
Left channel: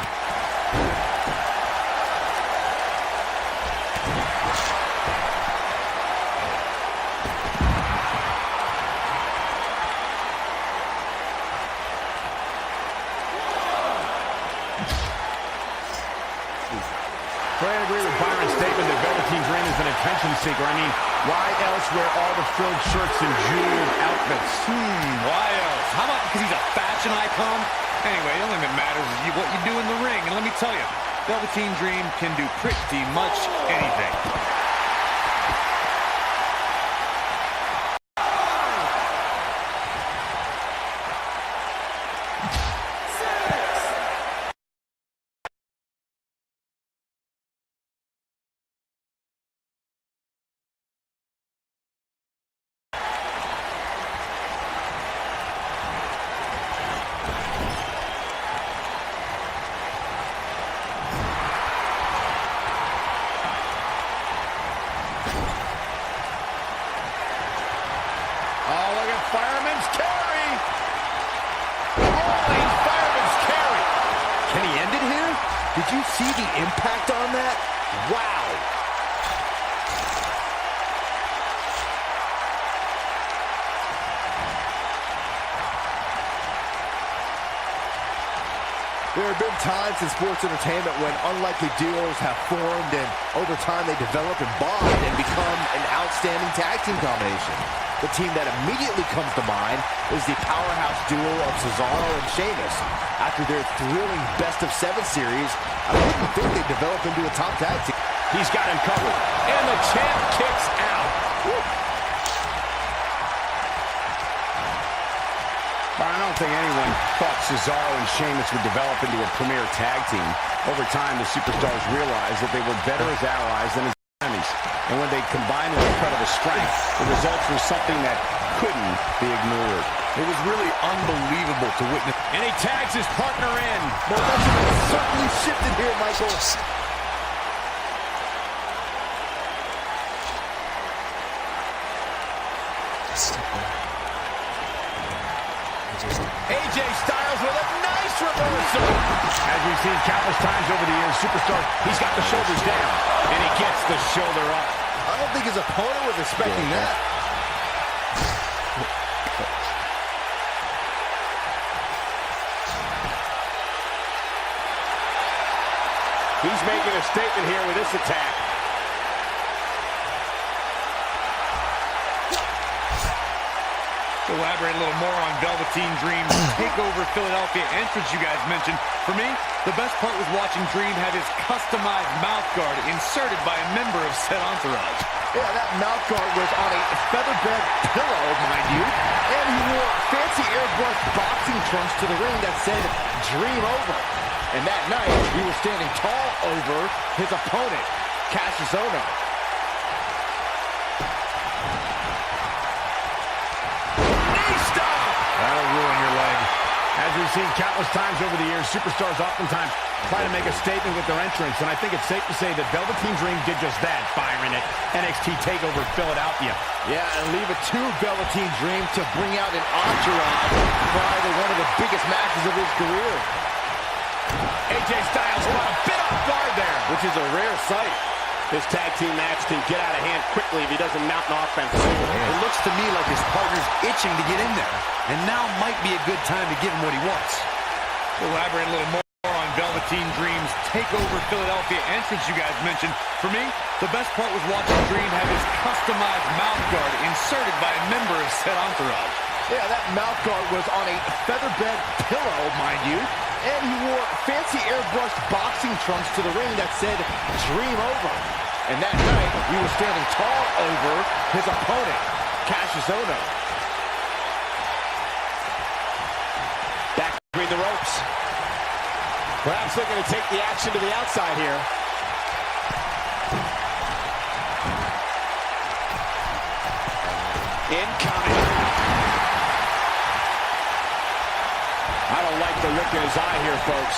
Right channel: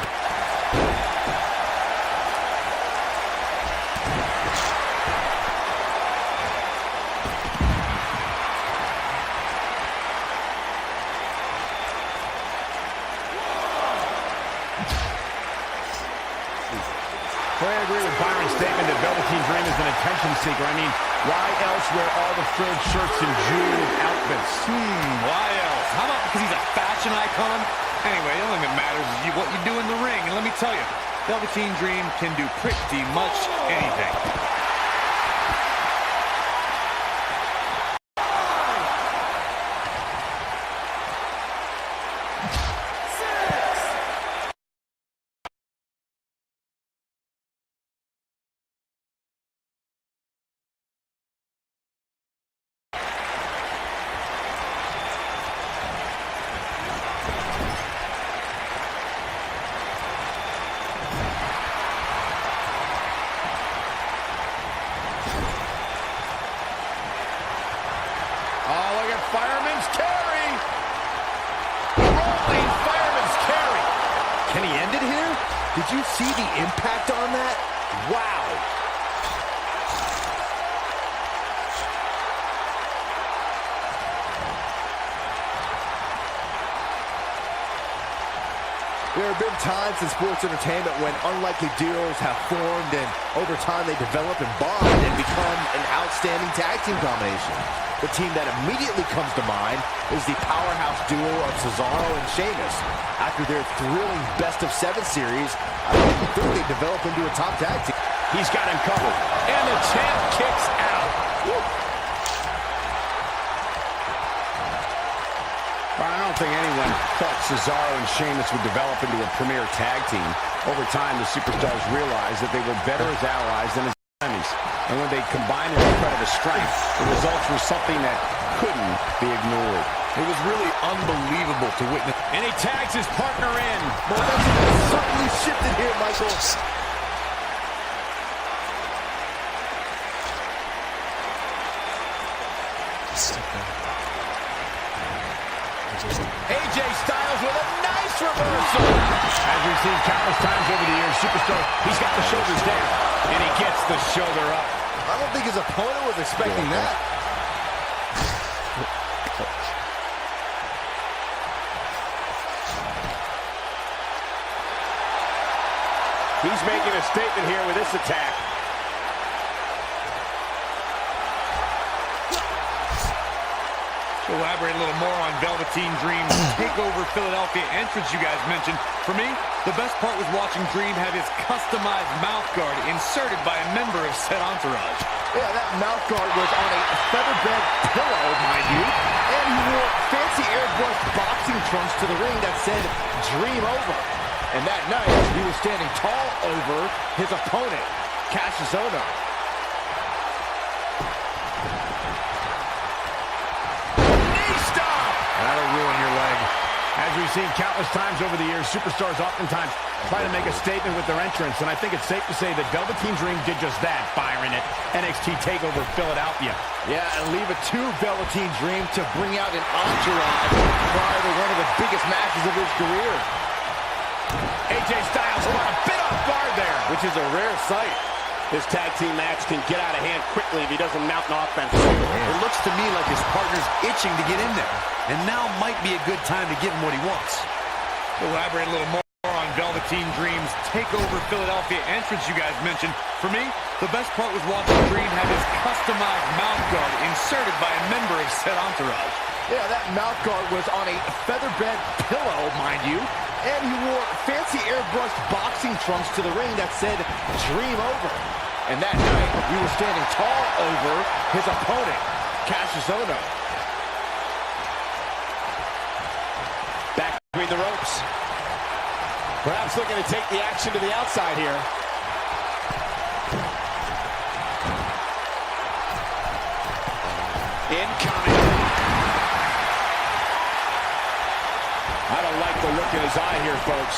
I agree with Byron's statement that Velveteen Dream is an attention seeker. I mean, why else wear all the frilled shirts and jeweled outfits? Why else? How about because he's a fashion icon? Anyway, the only thing that matters is what you do in the ring. And let me tell you, Velveteen Dream can do pretty much anything. Oh, look at Fireman's carry. Rolling Fireman's carry. Can he end it here? Did you see the impact on that? Wow. There have been times in sports entertainment when unlikely duos have formed and over time they develop and bond and become an outstanding tag team combination. The team that immediately comes to mind is the powerhouse duo of Cesaro and Sheamus. After their thrilling best-of-7 series, I didn't think they'd develop into a top tag team. He's got him covered. And the champ kicks out. Woo. I don't think anyone thought Cesaro and Sheamus would develop into a premier tag team. Over time, the superstars realized that they were better as allies than as enemies. And when they combined their incredible strength, the results were something that couldn't be ignored. It was really unbelievable to witness. And he tags his partner in. Momentum has certainly shifted here, Michael. AJ Styles with a nice reversal. As we've seen countless times over the years, superstars, he's got the shoulders down, and he gets the shoulder up. I don't think his opponent was expecting that. He's making a statement here with this attack. To elaborate a little more on Velveteen Dream's TakeOver Philadelphia entrance you guys mentioned, for me, the best part was watching Dream have his customized mouth guard inserted by a member of said entourage. Yeah, that mouth guard was on a featherbed pillow, mind you, and he wore fancy airbrushed boxing trunks to the ring that said Dream Over. And that night, he was standing tall over his opponent, Cassius Ohno. That'll ruin your leg. As we've seen countless times over the years, superstars oftentimes try to make a statement with their entrance, and I think it's safe to say that Velveteen Dream did just that, Byron, at NXT TakeOver Philadelphia. Yeah, and leave it to Velveteen Dream to bring out an entourage prior to one of the biggest matches of his career. AJ Styles caught a bit off guard there, Which is a rare sight. This tag team match can get out of hand quickly if he doesn't mount an offense. It looks to me like his partner's itching to get in there. And now might be a good time to give him what he wants. To elaborate a little more on Velveteen Dream's TakeOver Philadelphia entrance you guys mentioned, for me, the best part was watching Dream have his customized mouth guard inserted by a member of said entourage. Yeah, that mouth guard was on a featherbed pillow, mind you, and he wore fancy airbrushed boxing trunks to the ring that said Dream Over. And that night, he was standing tall over his opponent, Cassius Ohno. Back between the ropes. Perhaps looking to take the action to the outside here. Incoming. I don't like the look in his eye here, folks.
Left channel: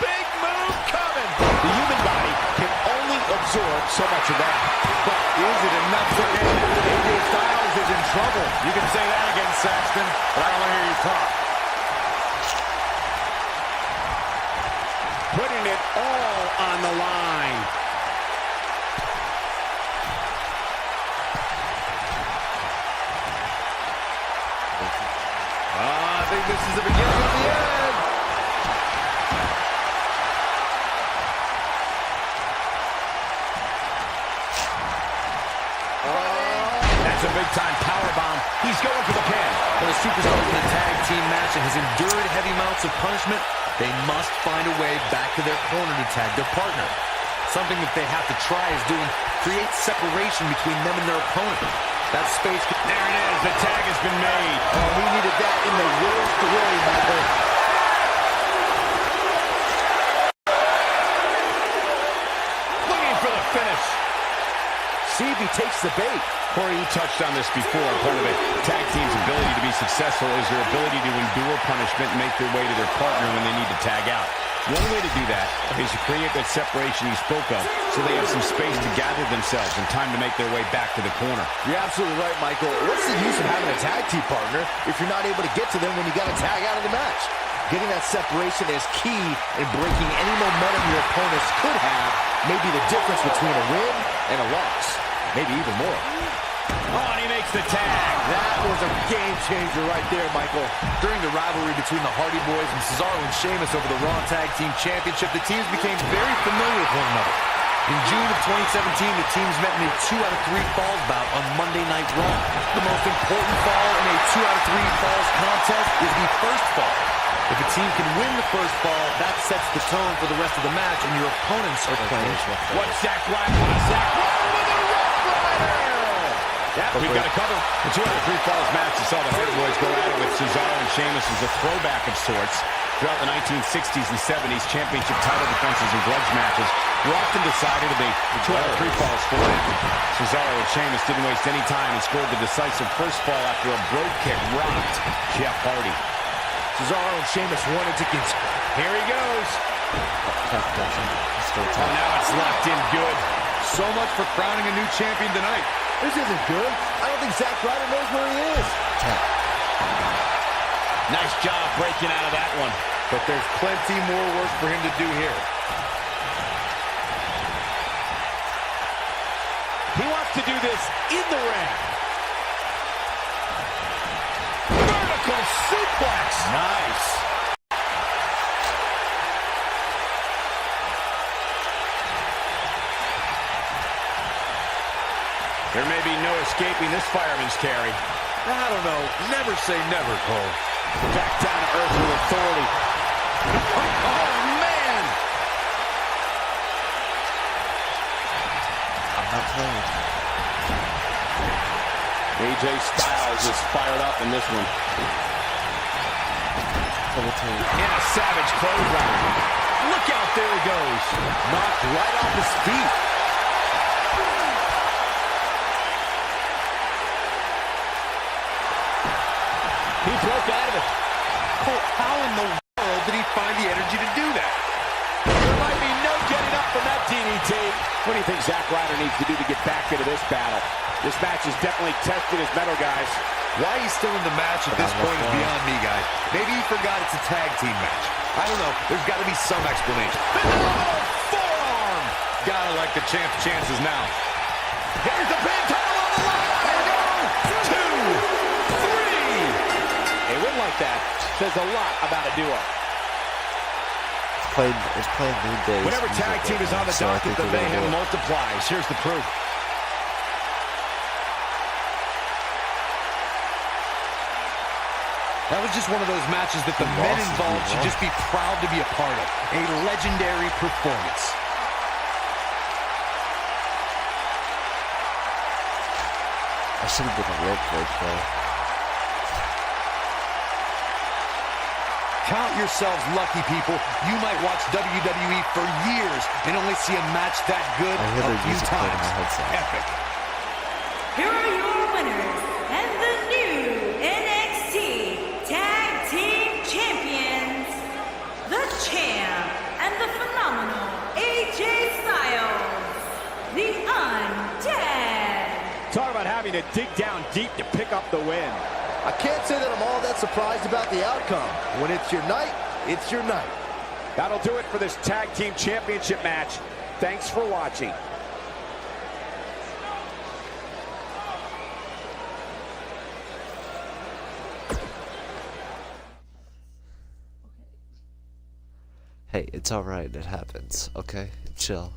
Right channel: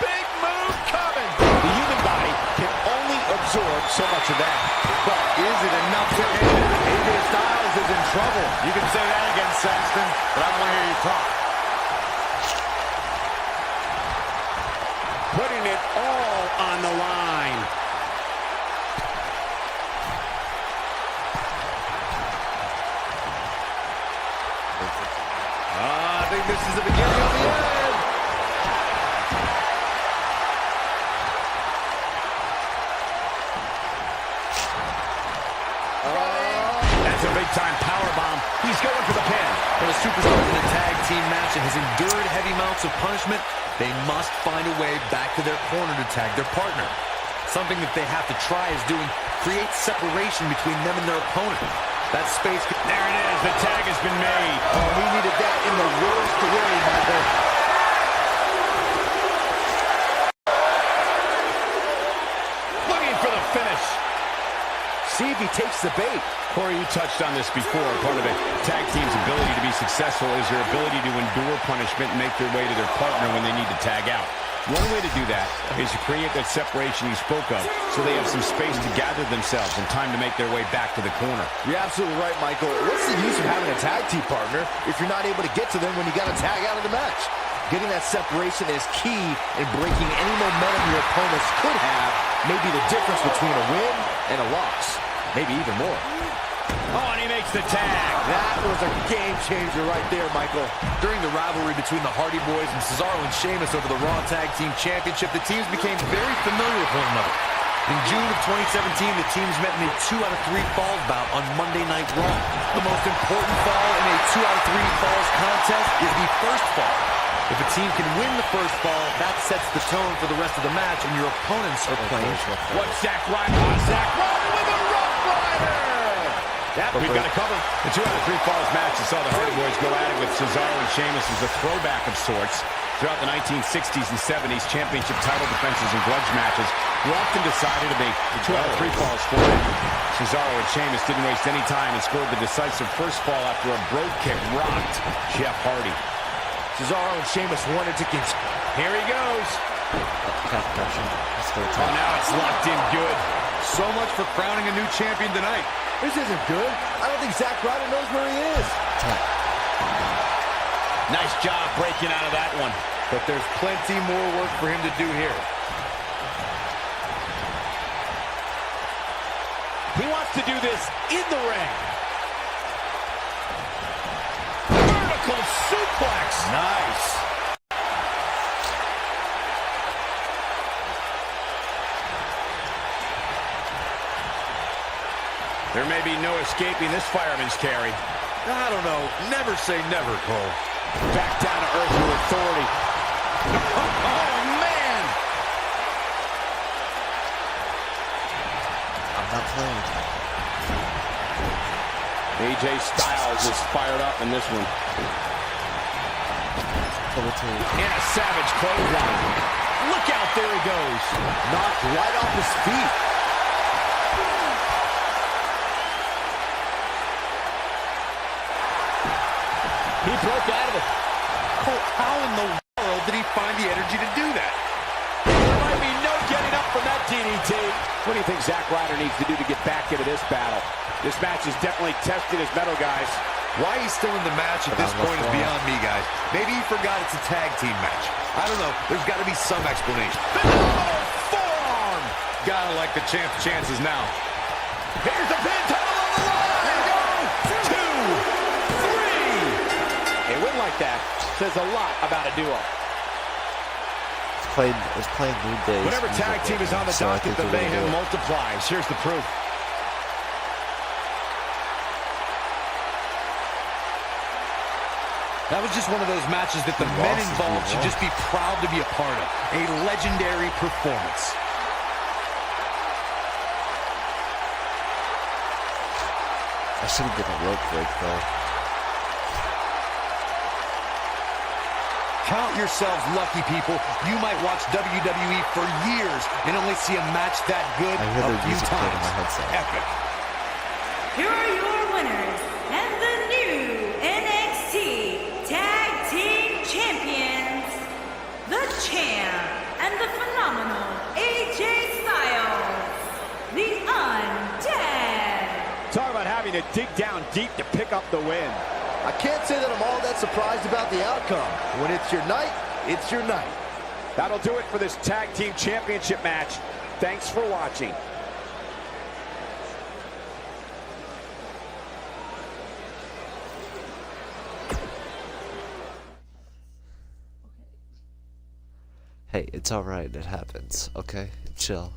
Big move coming. The human body can only absorb so much of that. But is it enough to end it? AJ Styles is in trouble. You can say that again, Saxton, but I don't want to hear you talk. Putting it all on the line. I think this is the beginning of the end. That's a big-time powerbomb. He's going for the pin. For the superstars in a tag team match and has endured heavy amounts of punishment, they must find a way back to their corner to tag their partner. Something that they have to try is doing create separation between them and their opponent. That space. There it is. The tag has been made. Oh, we needed that in the worst way, Michael. Looking for the finish. See if he takes the bait. Corey, you touched on this before. Part of a tag team's ability to be successful is their ability to endure punishment and make their way to their partner when they need to tag out. One way to do that is to create that separation you spoke of so they have some space to gather themselves and time to make their way back to the corner. You're absolutely right, Michael. What's the use of having a tag team partner if you're not able to get to them when you got to tag out of the match? Getting that separation is key in breaking any momentum your opponents could have, maybe the difference between a win and a loss. Maybe even more. Oh, and he makes the tag. That was a game changer right there, Michael. During the rivalry between the Hardy Boys and Cesaro and Sheamus over the Raw Tag Team Championship, the teams became very familiar with one another. In June of 2017, the teams met in a 2 out of 3 falls bout on Monday Night Raw. The most important fall in a 2 out of 3 falls contest is the first fall. If a team can win the first fall, that sets the tone for the rest of the match, and your opponents are playing. What's Zack Ryder? Zack Ryder with a Rough Rider! Yep, we've got to cover. The 2 out of 3 falls match that saw the Hardy Boys go at it with Cesaro and Sheamus as a throwback of sorts. Throughout the 1960s and 70s, championship title defenses and grudge matches were often decided to be 2 out of 3 falls for them. Cesaro and Sheamus didn't waste any time and scored the decisive first fall after a brogue kick rocked Jeff Hardy. Cesaro and Sheamus wanted to continue. Here he goes. Oh, now it's locked in good. So much for crowning a new champion tonight. This isn't good. I don't think Zack Ryder knows where he is. Nice job breaking out of that one. But there's plenty more work for him to do here. He wants to do this in the ring. Vertical suplex. Nice. There may be no escaping this fireman's carry. I don't know. Never say never, Cole. Back down to earth with authority. Oh, man! I'm not playing. AJ Styles is fired up in this one. Double team. And a savage clothesline. Look out, there he goes. Knocked right off his feet. He broke out of it. Cole, how in the world did he find the energy to do that? There might be no getting up from that DDT. What do you think Zack Ryder needs to do to get back into this battle? This match is definitely testing his mettle, guys. Why he's still in the match at this point is beyond me, guys. Maybe he forgot it's a tag team match. I don't know. There's got to be some explanation. Phenomenal forearm. Gotta like the champ's chances now. Here's the pin, title on the line. There we go. 2, 3. A win like that says a lot about a duo. It's playing New Days. Whenever tag team is on the so I docket, think the they're gonna mayhem do it. multiplies. Here's the proof. That was just one of those matches that the men involved should just be proud to be a part of. A legendary performance. I should have been a rope break though. Count yourselves lucky, people. You might watch WWE for years and only see a match that good I hear a their few music playing in times. my headset. Epic. Here are your winners and the new NXT Tag Team Champions, the Champ and the phenomenal AJ Styles, the Undead. Talk about having to dig down deep to pick up the win. I can't say that I'm all that surprised about the outcome. When it's your night, it's your night. That'll do it for this Tag Team Championship match. Thanks for watching. Hey, it's alright, it happens, okay? Chill.